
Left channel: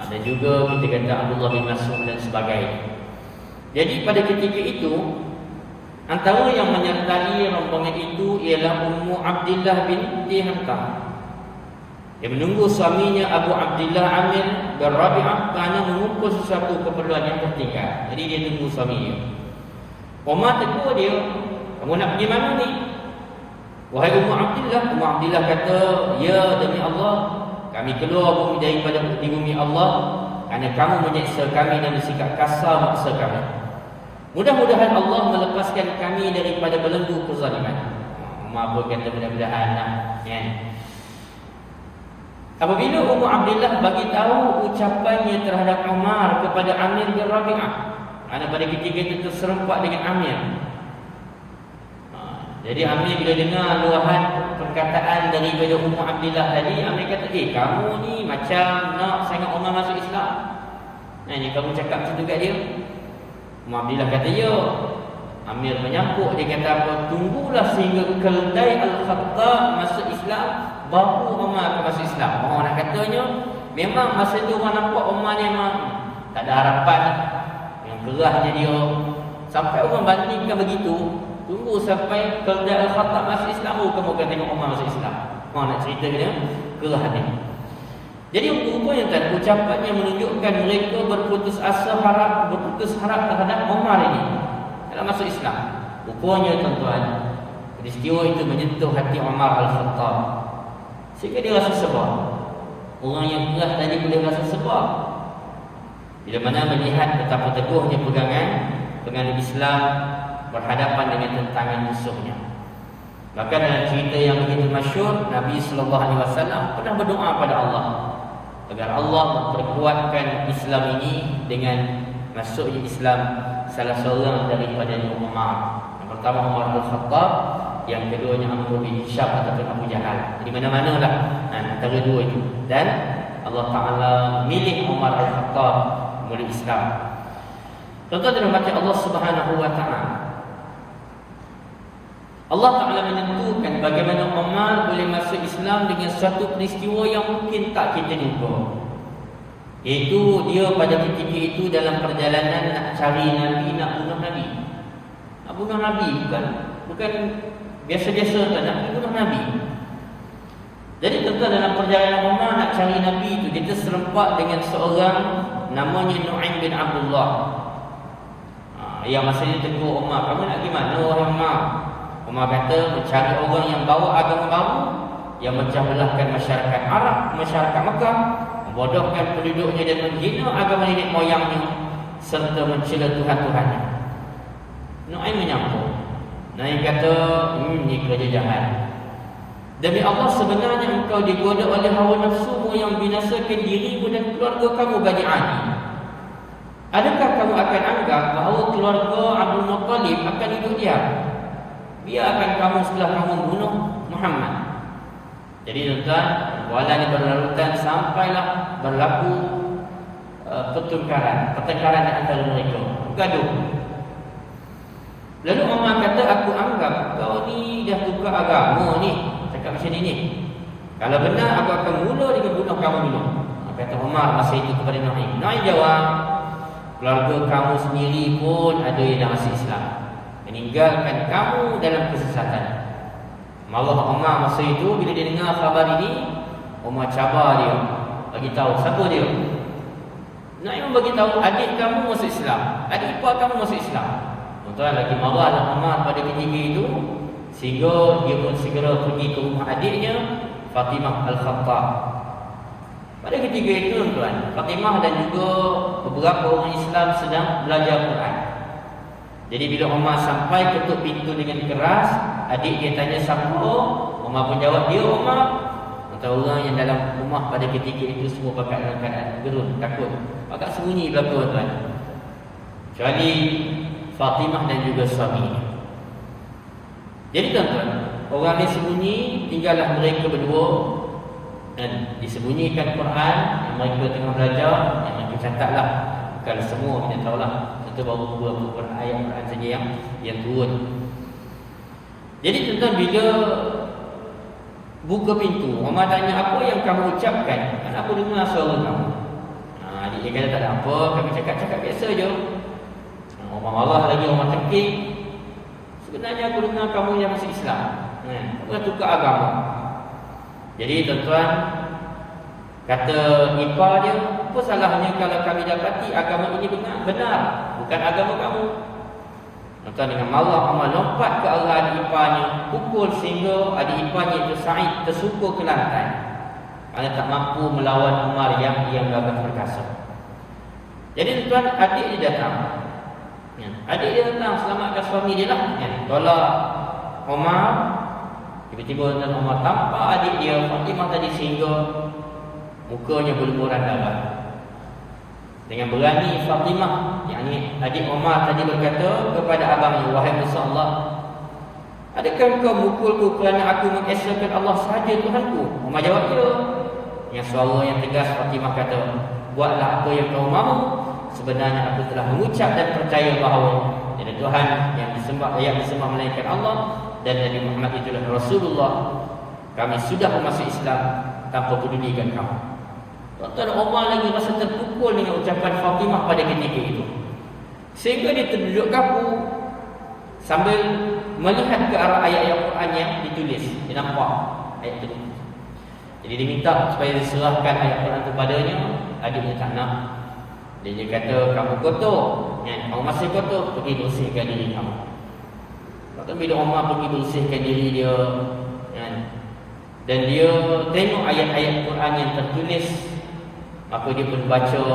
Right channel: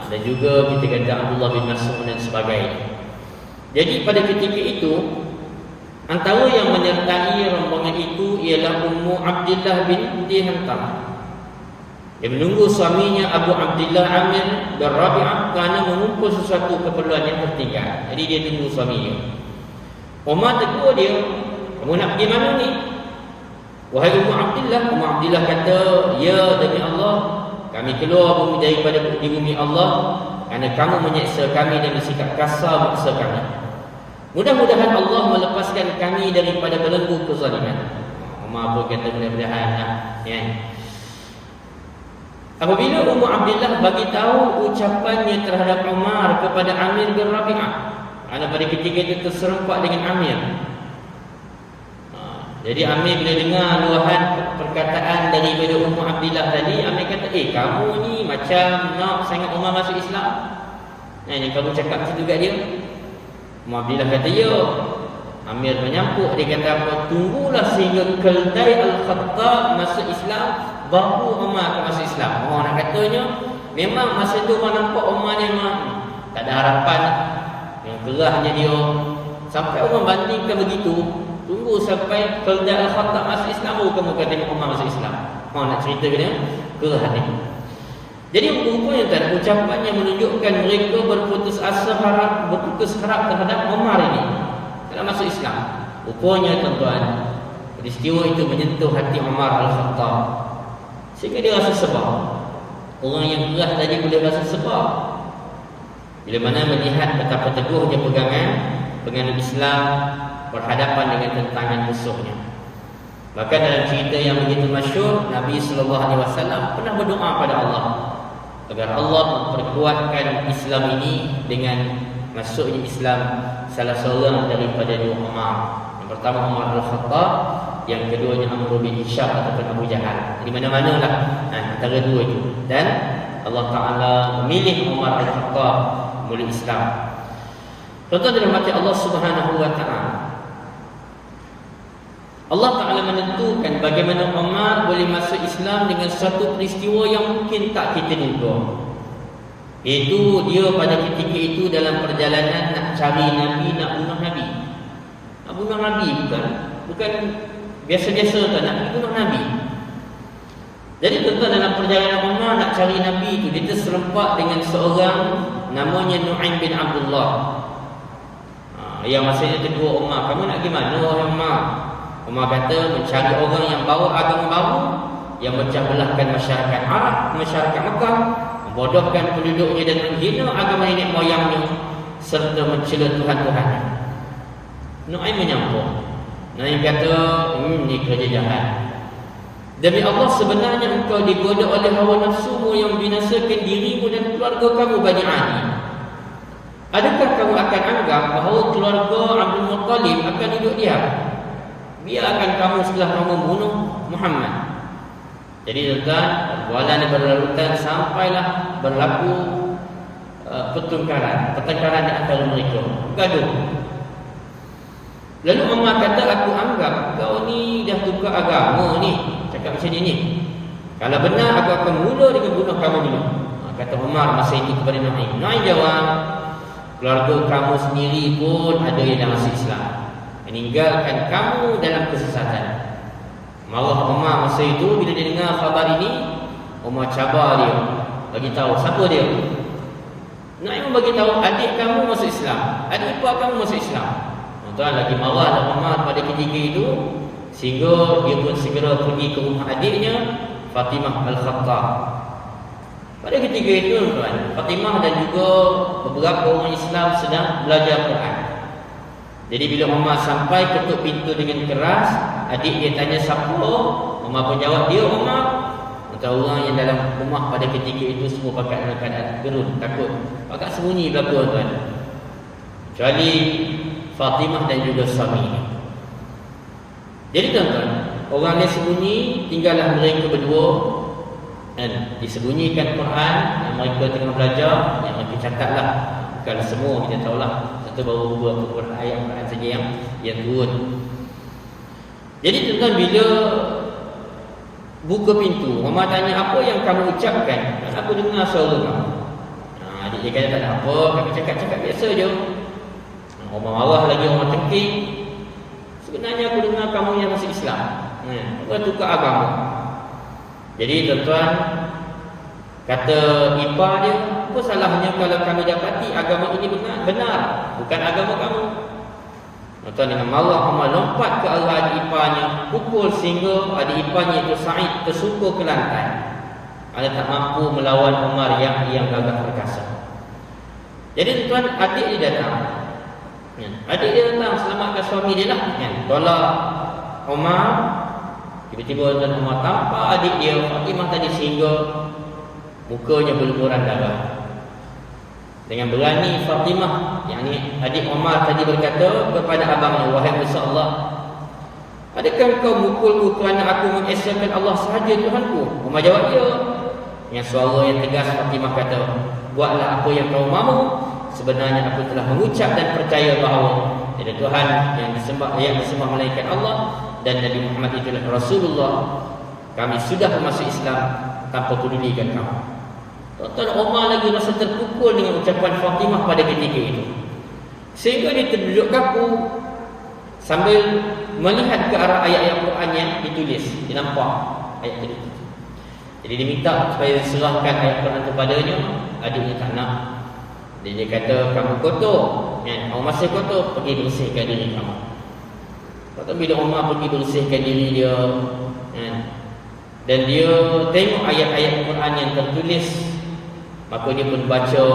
dan juga kita kata Abdullah bin Mas'ud dan sebagainya. Jadi pada ketika itu, antara yang menyertai rombongan itu ialah Ummu Abdillah binti Hantam. Dia menunggu suaminya Abu Abdillah Amir bin Rabi'ah kerana mengumpul sesuatu keperluan yang tertinggal. Jadi dia tunggu suami dia. Umar tegur dia, "Kamu nak pergi mana ni?" "Wahai Ummu Abdillah," Ummu Abdillah kata, "Ya, demi Allah, kami keluar daripada di bumi Allah kerana kamu menyeksa kami dan bersikap kasar memaksa kami. Mudah-mudahan Allah melepaskan kami daripada belenggu kezaliman." Umar pun kata mudah-mudahan kan. Apabila Ummu Abdillah bagi tahu ucapannya terhadap Umar kepada Amir bin Rabi'ah, kerana pada ketika itu terserempak dengan Amir. Jadi Amir bila dengar luahan perkataan daripada Ummu Abdillah tadi, Amir kata, "Kamu ni macam nak sangat Umar masuk Islam. Ini kamu cakap macam tu kat dia." Ummu Abdillah kata, "Ya." Amir menyampuk, dia kata apa? "Tunggulah sehingga Keldai Al-Khattab masuk Islam, baru Umar akan masuk Islam." Orang nak katanya, memang masa tu orang nampak Umar ni memang tak ada harapan, yang kerahnya dia. Sampai orang bandingkan begitu, tunggu sampai Keldai Al-Khattab masuk Islam, baru kamu akan tengok Umar masuk Islam. Mau nak cerita ke dia? Gerah hati. Jadi rupanya tadi ucapannya menunjukkan mereka berputus harap terhadap Umar ini dalam masuk Islam. Rupanya tuan-tuan, peristiwa itu menyentuh hati Umar Al-Khattab sehingga dia rasa sebab. Orang yang keras tadi boleh rasa sebab bila mana melihat betapa teguhnya penganut Islam berhadapan dengan tentangan musuhnya. Bahkan dalam cerita yang begitu masyhur, Nabi SAW pernah berdoa pada Allah agar Allah memperkuatkan Islam ini dengan masuknya Islam salah seorang daripada dua Umar. Yang pertama Umar Al-Khattab, yang keduanya Amr bin Hisham ataupun Abu Jahal. Di mana-mana lah antara dua itu. Dan Allah Ta'ala memilih Umar Al-Khattab memeluk Islam. Contoh dalam hati Allah Subhanahu Wa Ta'ala, Allah Ta'ala menentukan bagaimana Umar boleh masuk Islam dengan satu peristiwa yang mungkin tak kita duga. Iaitu dia pada ketika itu dalam perjalanan nak cari Nabi, nak bunuh Nabi. Nak bunuh Nabi bukan biasa-biasa tu, nak bunuh Nabi. Jadi tuan-tuan, dalam perjalanan Umar nak cari Nabi itu, dia terserempak dengan seorang namanya Nu'aim bin Abdullah. Yang masanya tegur Umar, kamu nak pergi mana wahai Umar? Umar kata, mencari orang yang bawa agama baru, yang memecah belahkan masyarakat Arab, masyarakat Mekah, membodohkan penduduknya dan menghina agama nenek moyangnya, serta mencela Tuhan-Tuhannya. Nu'aim menyampuk. Nu'aim kata, ini kerja jahat. Demi Allah, sebenarnya engkau digoda oleh hawa nafsumu yang binasakan dirimu dan keluarga kamu Bani Adi. Adakah kamu akan anggap bahawa keluarga Abdul Muttalib akan duduk diam? Biarkan kamu setelah kamu bunuh Muhammad. Jadi tuan-tuan, perbualan ini berlarutan sampailah berlaku pertengkaran di antara mereka, gaduh. Lalu Umar kata, aku anggap kau ni dah tukar agama ni, cakap macam ni. Kalau benar, aku akan mula dengan bunuh kamu dulu. Kata Umar masa itu kepada Nu'aim. Nu'aim jawab, keluarga kamu sendiri pun ada yang dah masuk Islam, meninggalkan kamu dalam kesesatan. Marah Umar masa itu bila dia dengar khabar ini. Umar cabar dia, bagi tahu siapa dia. Nu'aim bagi tahu, adik kamu masuk Islam, adik ipar kamu masuk Islam. Tuan, lagi marahlah Umar pada ketika itu, sehingga dia pun segera pergi ke rumah adiknya Fatimah Al-Khattab. Pada ketika itu tuan, Fatimah dan juga beberapa orang Islam sedang belajar Quran. Jadi bila Umar sampai ketuk pintu dengan keras, adik dia tanya siapa, Umar pun jawab, dia Umar. Antara orang yang dalam rumah pada ketika itu semua pakai dalam keadaan gerun, takut, pakai sembunyi belakang tuan, kecuali Fatimah dan juga suaminya. Jadi tuan-tuan, orang lain sembunyi, tinggallah mereka berdua, dan disembunyikan Quran yang mereka tengah belajar, yang mereka catatlah. Bukan semua, kita tahulah, tentu baru beberapa ayat Quran saja yang turun. Jadi tuan-tuan, bila buka pintu, Umar tanya, apa yang kamu ucapkan? Dan aku dengar suara kamu. Adik dia kata, tak ada apa, kami cakap-cakap biasa je. Umar marah lagi, Umar tengking. Sebenarnya aku dengar kamu yang masuk Islam, apa tukar agama. Jadi tuan-tuan, kata ipar dia, apa salahnya kalau kami dapati agama ini benar, bukan agama kamu. Tuan-tuan, dengan marah Umar lompat ke arah adik iparnya, pukul sehingga adik iparnya itu Sa'id tersungkur ke lantai kerana tak mampu melawan Umar yang gagah perkasa. Jadi tuan-tuan, adik dia datang. Adik dia datang selamatkan suami dia lah, tolak Umar. Tiba-tiba tuan Umar tampak adik dia Fatimah tadi sehingga mukanya berlumuran darah. Dengan berani Fatimah, yakni adik Umar tadi, berkata kepada abangnya, wahai Musa Allah, adakah kau mukulku kerana aku mengesahkan Allah sahaja Tuhanku? Umar jawab, ya. Dengan suara yang tegas Fatimah kata, buatlah apa yang kau mahu. Sebenarnya aku telah mengucap dan percaya bahawa tiada Tuhan yang disembah melainkan Allah, dan Nabi Muhammad itulah Rasulullah. Kami sudah masuk Islam tanpa pedulikan kamu. Tuan-tuan, Umar lagi rasa terpukul dengan ucapan Fatimah pada ketika itu, sehingga dia terduduk kaku sambil melihat ke arah ayat-ayat Quran yang ditulis. Dia nampak ayat itu, Jadi dia minta supaya diserahkan ayat Quran kepadanya. Adiknya tak nak. Dia kata, kamu kotor kan? Kamu masih kotor, pergi bersihkan diri kamu. Lepas tu bila Umar pergi bersihkan diri dia kan? Dan dia tengok ayat-ayat Quran yang tertulis, maka dia pun baca.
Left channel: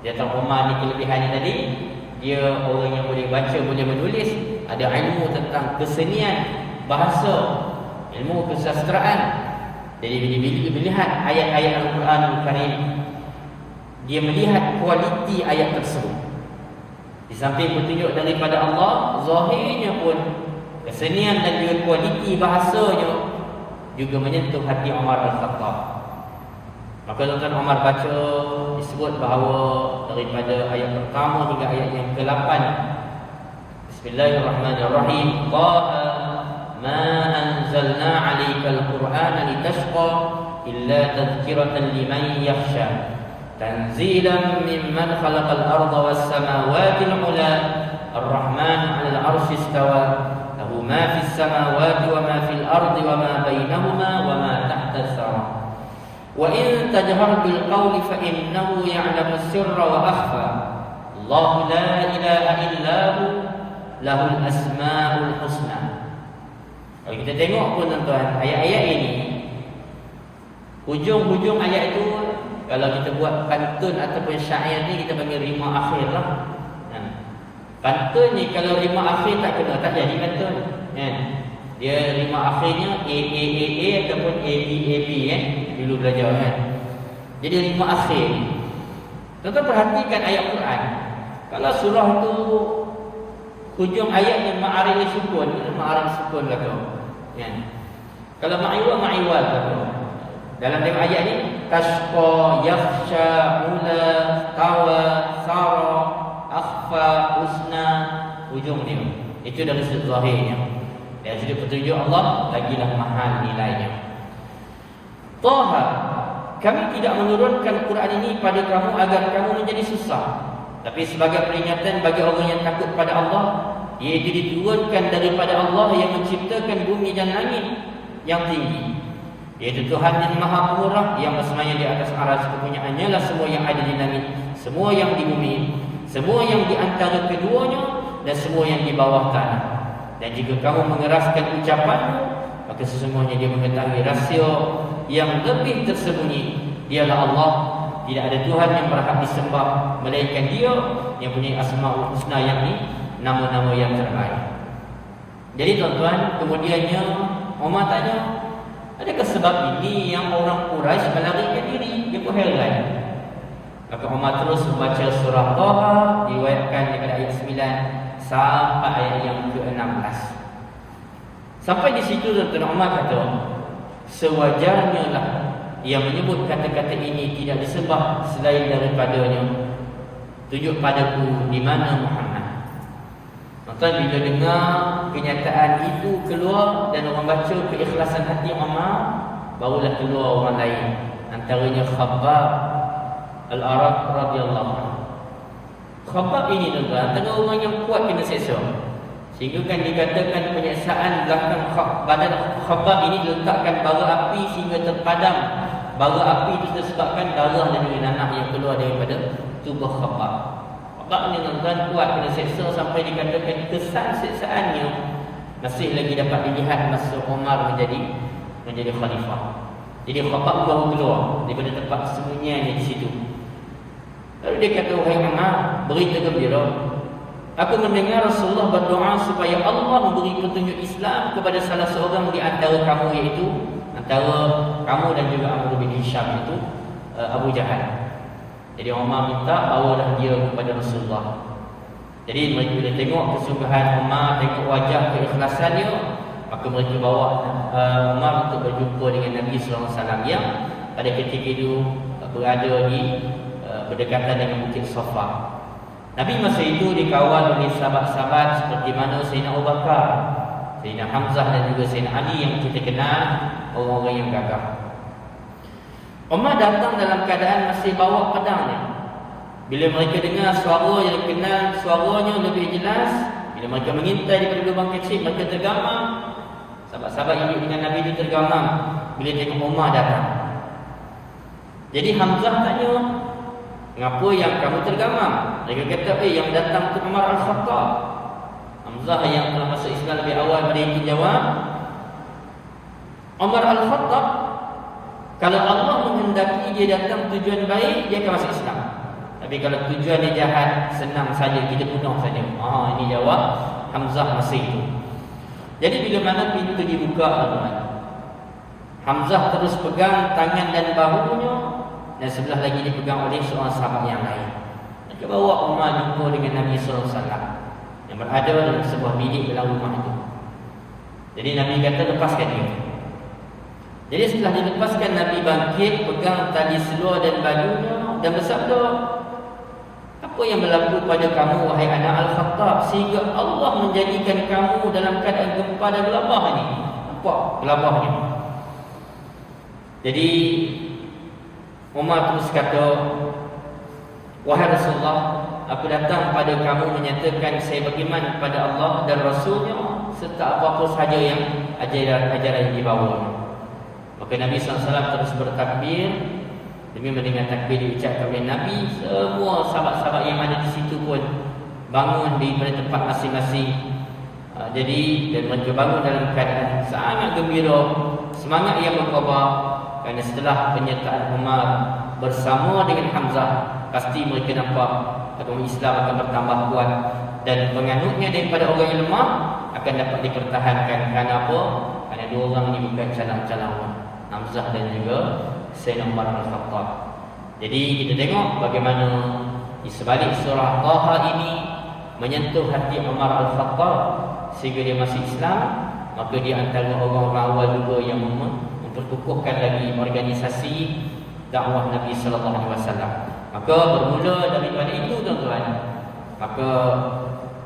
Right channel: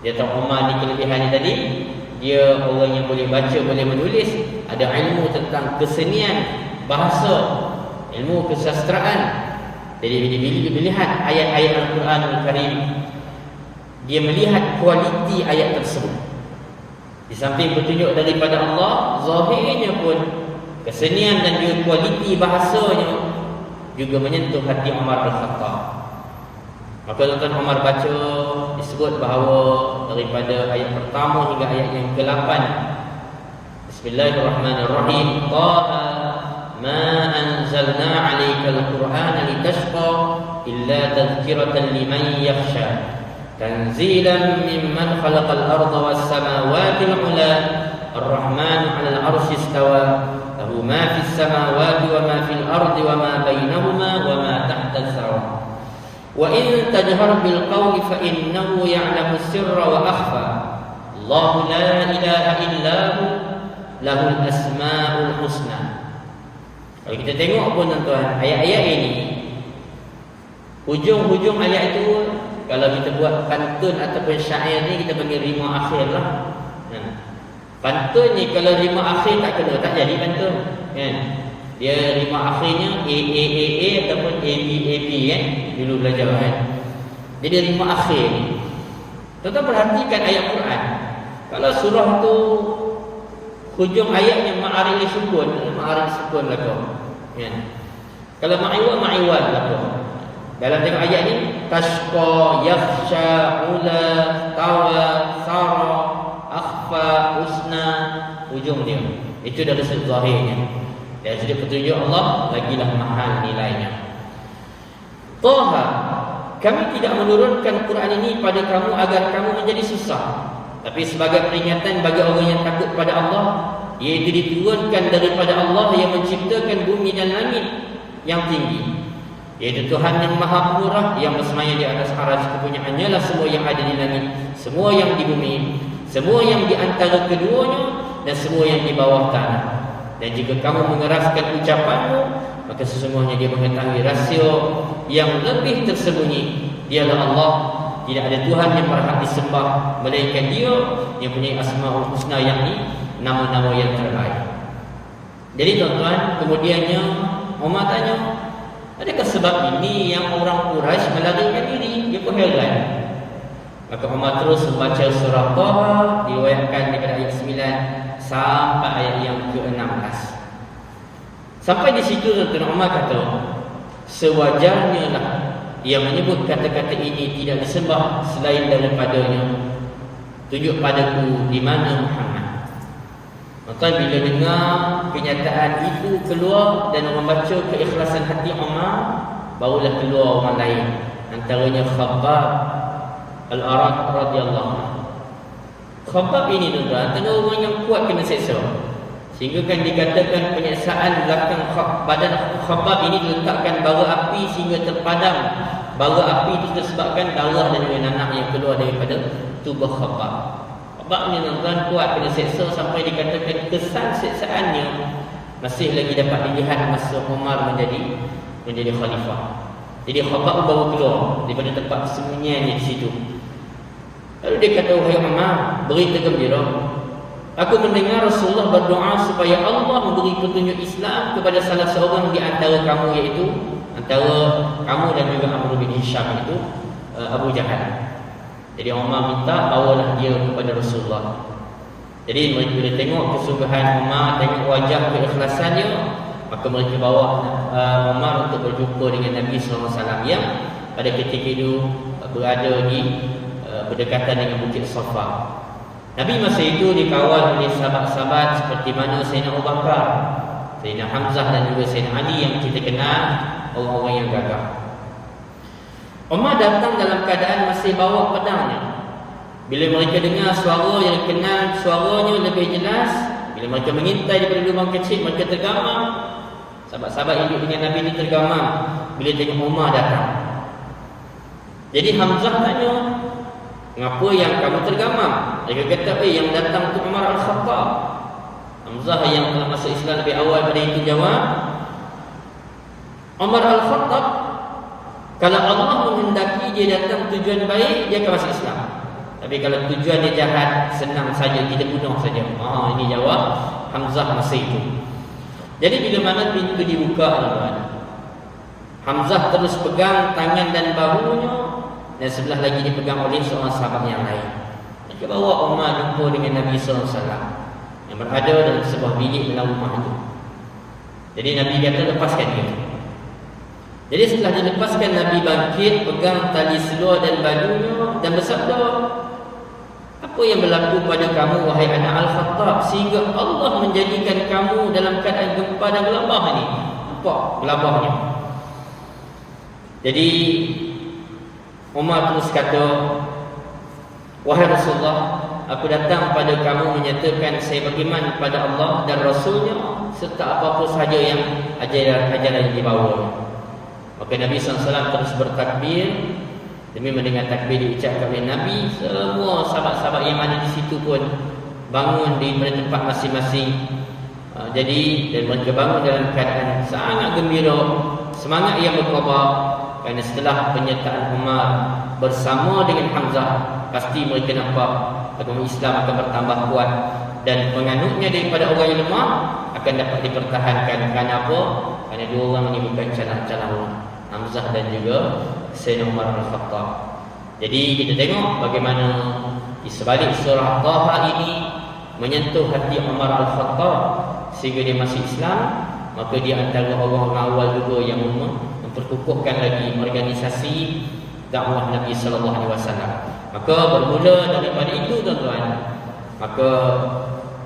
Dia tahu Umar ni kelebihannya tadi, dia orang yang boleh baca, boleh menulis, ada ilmu tentang kesenian bahasa, ilmu kesastraan. Jadi bila dia melihat ayat-ayat Al-Quran Al-Karim, dia melihat kualiti ayat tersebut. Di samping petunjuk daripada Allah, zahirnya pun kesenian dan juga kualiti bahasanya juga menyentuh hati Umar Al-Khattab. Maka tuan Umar baca, disebut bahawa daripada ayat pertama hingga ayat yang ke-8, Bismillahirrahmanirrahim. Taha ma anzalna 'alaikal Qur'ana litashqa illa tadhkiratan liman yakhsha. Tanzilan mimman khalaqal arda was samawati al-'ula. Ar-Rahman 'alal 'arsy istawa. Lahu ma fis samawati wa ma fil ardi wa ma bainahuma wa ma tahta as-sawa. Wa in tajhar bil qawli fa innahu ya'lamu as-sirra wa akhfa. Allahu la ilaha illa hu lahul asmaul husna. Kalau kita tengok pun tuan-tuan, ayat-ayat ini, hujung-hujung ayat itu, kalau kita buat pantun ataupun syair ni, kita panggil rima akhir lah. Pantun ni kalau rima akhir tak kena, tak jadi pantun kan? Dia rima akhirnya A ataupun AB dulu belajar kan. Jadi rima akhir. Tuan-tuan perhatikan ayat Quran. Kalau surah tu hujung ayatnya ma'aril sukun belakang kan? Kalau ma'iwal belakang. Dalam tengok ayat ni, tashqa, yakhsha, ula, tawa, sara, akhfa, husna, hujung dia. Itu dari sudut zahirnya. Dan sudut petunjuk Allah, lagilah mahal nilainya. Taha, kami tidak menurunkan Quran ini pada kamu agar kamu menjadi susah, tapi sebagai peringatan bagi orang yang takut pada Allah, iaitu diturunkan daripada Allah yang menciptakan bumi dan langit yang tinggi, iaitu Tuhan yang Maha Pemurah, yang bersemayam di atas arsy. Kepunyaannya lah semua yang ada di langit, semua yang di bumi, semua yang di antara keduanya, dan semua yang di bawah tanah. Dan jika kamu mengeraskan ucapanmu, maka sesungguhnya dia mengetahui rahsia yang lebih tersembunyi. Dialah Allah, tidak ada Tuhan yang berhak disembah melainkan Dia yang punya Asmaul Husna, yakni nama-nama yang terbaik. Jadi tuan-tuan, kemudiannya Umar tanya, adakah sebab ini yang orang Quraisy melarikan diri? Dia pun heran. Maka Umar terus membaca surah Taha, diriwayatkan daripada ayat 9 sampai ayat yang ke-16. Sampai di situ tuan-tuan, Umar kata, sewajarnya lah yang menyebut kata-kata ini tidak disembah selain daripadanya. Tunjuk padaku di mana Muhammad. Tuan-tuan, bila dengar kenyataan itu keluar dan orang baca keikhlasan hati Umar, barulah keluar orang lain, antaranya Khabbab Al-Arat radhiyallahu anhu. Khabbab ini tuan-tuan, antara orang yang kuat kena seksa, sehingga kan dikatakan penyiksaan belakang badan Khabbab ini diletakkan bara api sehingga terpadam. Bara api itu disebabkan darah dan juga nanah yang keluar daripada tubuh Khabbab. Khabbab ni tuan-tuan kuat kena seksa sampai dikatakan kesan seksaannya masih lagi dapat dilihat masa Umar menjadi khalifah. Jadi Khabbab baru keluar daripada tempat sembunyiannya di situ. Lalu dia kata, wahai Umar, berita gembira, aku mendengar Rasulullah berdoa supaya Allah memberi petunjuk Islam kepada salah seorang di antara kamu, iaitu antara kamu dan juga Amr bin Hisham, itu Abu Jahal. Jadi Umar minta bawalah dia kepada Rasulullah. Jadi mereka boleh tengok kesungguhan Umar, tengok wajah keikhlasannya, maka mereka bawa Umar untuk berjumpa dengan Nabi SAW yang pada ketika itu berada di berdekatan dengan Bukit Safa. Nabi masa itu dikawal oleh sahabat-sahabat seperti mana Sayyidina Abu Bakar, Sayyidina Hamzah dan juga Sayyidina Ali yang kita kenal orang-orang yang gagah. Umar datang dalam keadaan masih bawa pedangnya. Bila mereka dengar suara yang kenal suaranya lebih jelas, bila mereka mengintai daripada lubang kecil, mereka tergamam. Sahabat-sahabat yang duduk dengan Nabi ini tergamam. bila tengok Umar datang. Jadi Hamzah tanya, "Ngapa yang kamu tergamam?" Dia kata, yang datang tu Umar Al-Khattab." Hamzah yang telah masuk Islam lebih awal pada itu jawab, "Umar Al-Khattab, kalau Allah menghendaki dia datang tujuan baik, dia akan masuk Islam. Tapi kalau tujuan dia jahat, senang saja kita bunuh saja." Ini jawab Hamzah masa itu. Jadi bila mana pintu dibuka, Hamzah terus pegang tangan dan bahunya, dan sebelah lagi dipegang oleh seorang sahabat yang lain. Dia bawa Umar jumpa dengan Nabi SAW yang berada dalam sebuah bilik dalam rumah itu. Jadi Nabi kata, "Lepaskan dia." Jadi setelah dilepaskan, Nabi bangkit, pegang tali seluar dan bajunya dan bersabda, "Apa yang berlaku pada kamu, wahai anak Al-Khattab, sehingga Allah menjadikan kamu dalam keadaan gempa dan gelabah ni?" Nampak gelabahnya. Jadi Umar terus kata, "Wahai Rasulullah, aku datang pada kamu menyatakan saya beriman pada Allah dan Rasulnya serta apa-apa sahaja yang ajaran yang dibawa." Maka Nabi SAW terus bertakbir. Demi mendengar takbir diucapkan oleh Nabi, semua sahabat-sahabat yang ada di situ pun bangun daripada tempat masing-masing. Jadi dan mereka bangun dalam keadaan sangat gembira, semangat yang berkobar. Kerana setelah penyertaan Umar bersama dengan Hamzah, pasti mereka nampak agama Islam akan bertambah kuat dan penganutnya daripada orang yang lemah akan dapat dipertahankan. Kerana apa? Kerana dua orang ini bukan calang-calang, Hamzah dan juga Sayyidina Umar Al-Khattab. Jadi kita tengok bagaimana di sebalik surah Taha ini menyentuh hati Umar Al-Khattab sehingga dia masuk Islam. Maka dia antara orang-orang awal juga yang memperkukuhkan lagi organisasi dakwah Nabi sallallahu alaihi wasallam. Maka bermula daripada itu, tuan-tuan, maka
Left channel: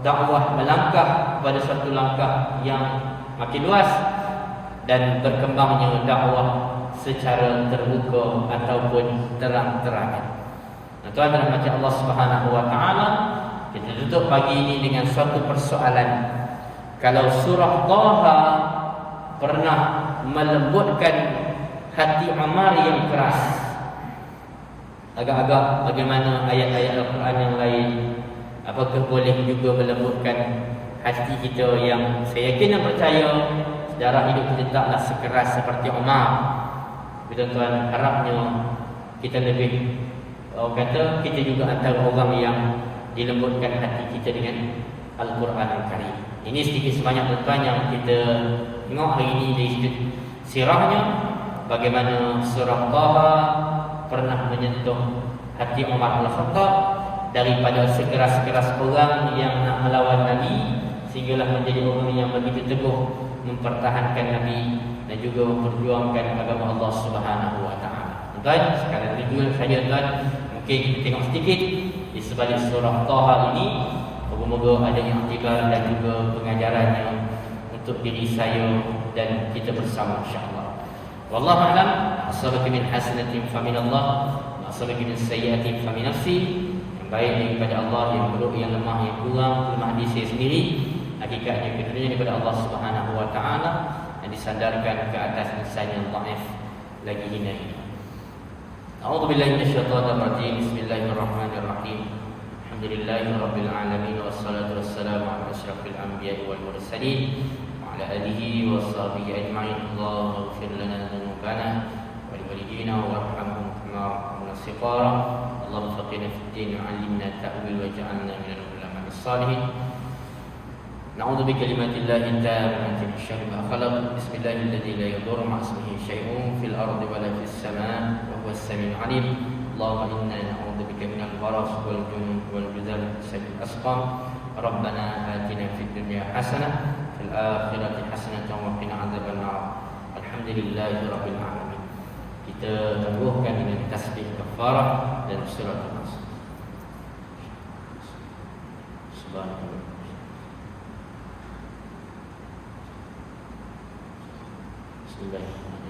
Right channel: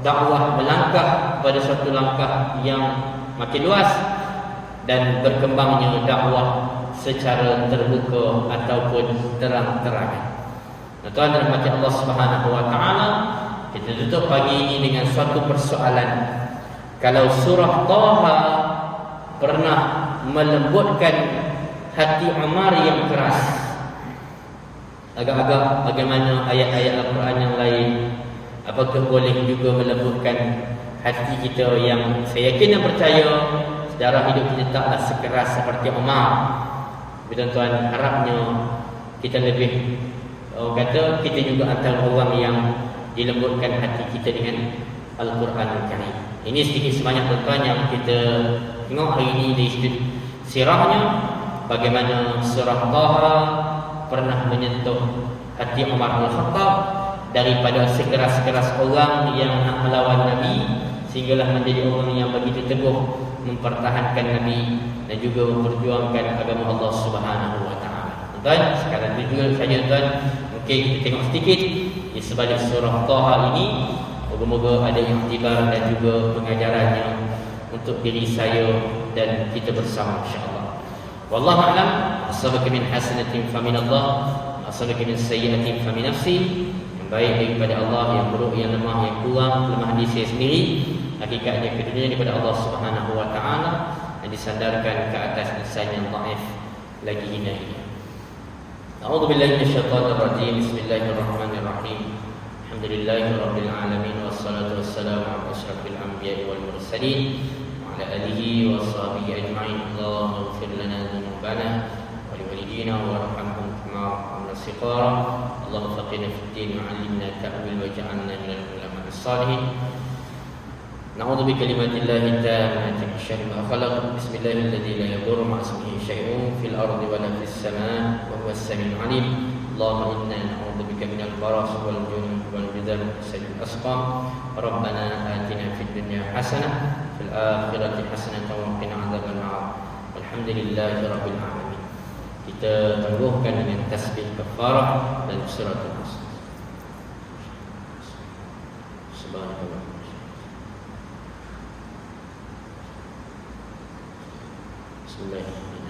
dakwah melangkah pada satu langkah yang makin luas dan berkembangnya dakwah secara terbuka ataupun terang-terangan. Tuan-tuan rahmati Allah Subhanahu wa taala, kita tutup pagi ini dengan suatu persoalan. Kalau surah Taha pernah melembutkan hati Umar yang keras, agak-agak bagaimana ayat-ayat Al-Quran yang lain? Apakah boleh juga melembutkan hati kita yang saya yakin dan percaya sejarah hidup kita taklah sekeras seperti Umar. Tapi tuan-tuan, harapnya kita lebih, orang kata, kita juga antara orang yang dilembutkan hati kita dengan Al-Quran Al-Karim. Ini sedikit sebanyak tuan-tuan yang kita tengok hari ini dari sudut sirahnya, bagaimana surah Taha pernah menyentuh hati Umar Al-Khattab daripada sekeras-keras orang yang nak melawan Nabi, sehinggalah menjadi orang yang begitu teguh mempertahankan Nabi dan juga memperjuangkan agama Allah Subhanahu wa taala. Tuan, sekarang itu saja tuan, mungkin kita tengok sedikit di sebalik surah Taha ini. Moga-moga ada iktibar dan juga pengajarannya untuk diri saya dan kita bersama, insya-Allah. Wallahu a'lam. Asabaka min hasanatin fa min Allah, wa asabaka min sayyi'atin fa min nafsi. Yang baik daripada Allah, yang buruk, yang lemah, yang kurang, lemah diri saya sendiri. Hakikatnya kedudukannya daripada Allah Subhanahu wa taala dan disandarkan ke atas insan yang dhaif lagi hina ini. A'udzubillahi minasyaitonir rajim. Bismillahirrahmanirrahim. Alhamdulillahi rabbil alamin, wassalatu wassalamu ala asyrafil anbiya'i wal mursalin wa ala alihi washabihi ajma'in. Allahumma ighfir lana dhunubana wa liwalidina warhamhum kama rahimna siqara. Allahumma faqihna fid din wa 'allimna ta'wil waj'alna minal ulamaa'is salihin. Na'udzu bi kalimatillahi tammati min syarri ma khalaq. Bismillahilladzi la yadurru ma'a ismihi syai'un fil ardi wa la fis samaa'i wa huwas samiul 'alim. Allahumma inna na'udzu bika minal baras wal junun wal judam sajil asqam. Rabbana atina fid dunya hasanah fil akhirati hasanah wa qina adzabannar. Alhamdulillahi rabbil alamin. Kita tangguhkan dengan tasbih kafarah dan surah Al-Asr. Subhanallah. Bismillahirrahmanirrahim.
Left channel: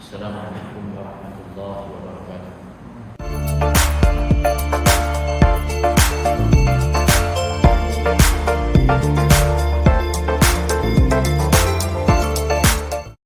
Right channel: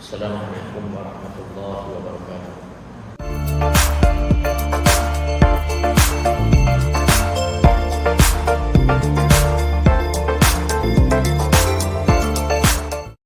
Assalamualaikum warahmatullahi wabarakatuh.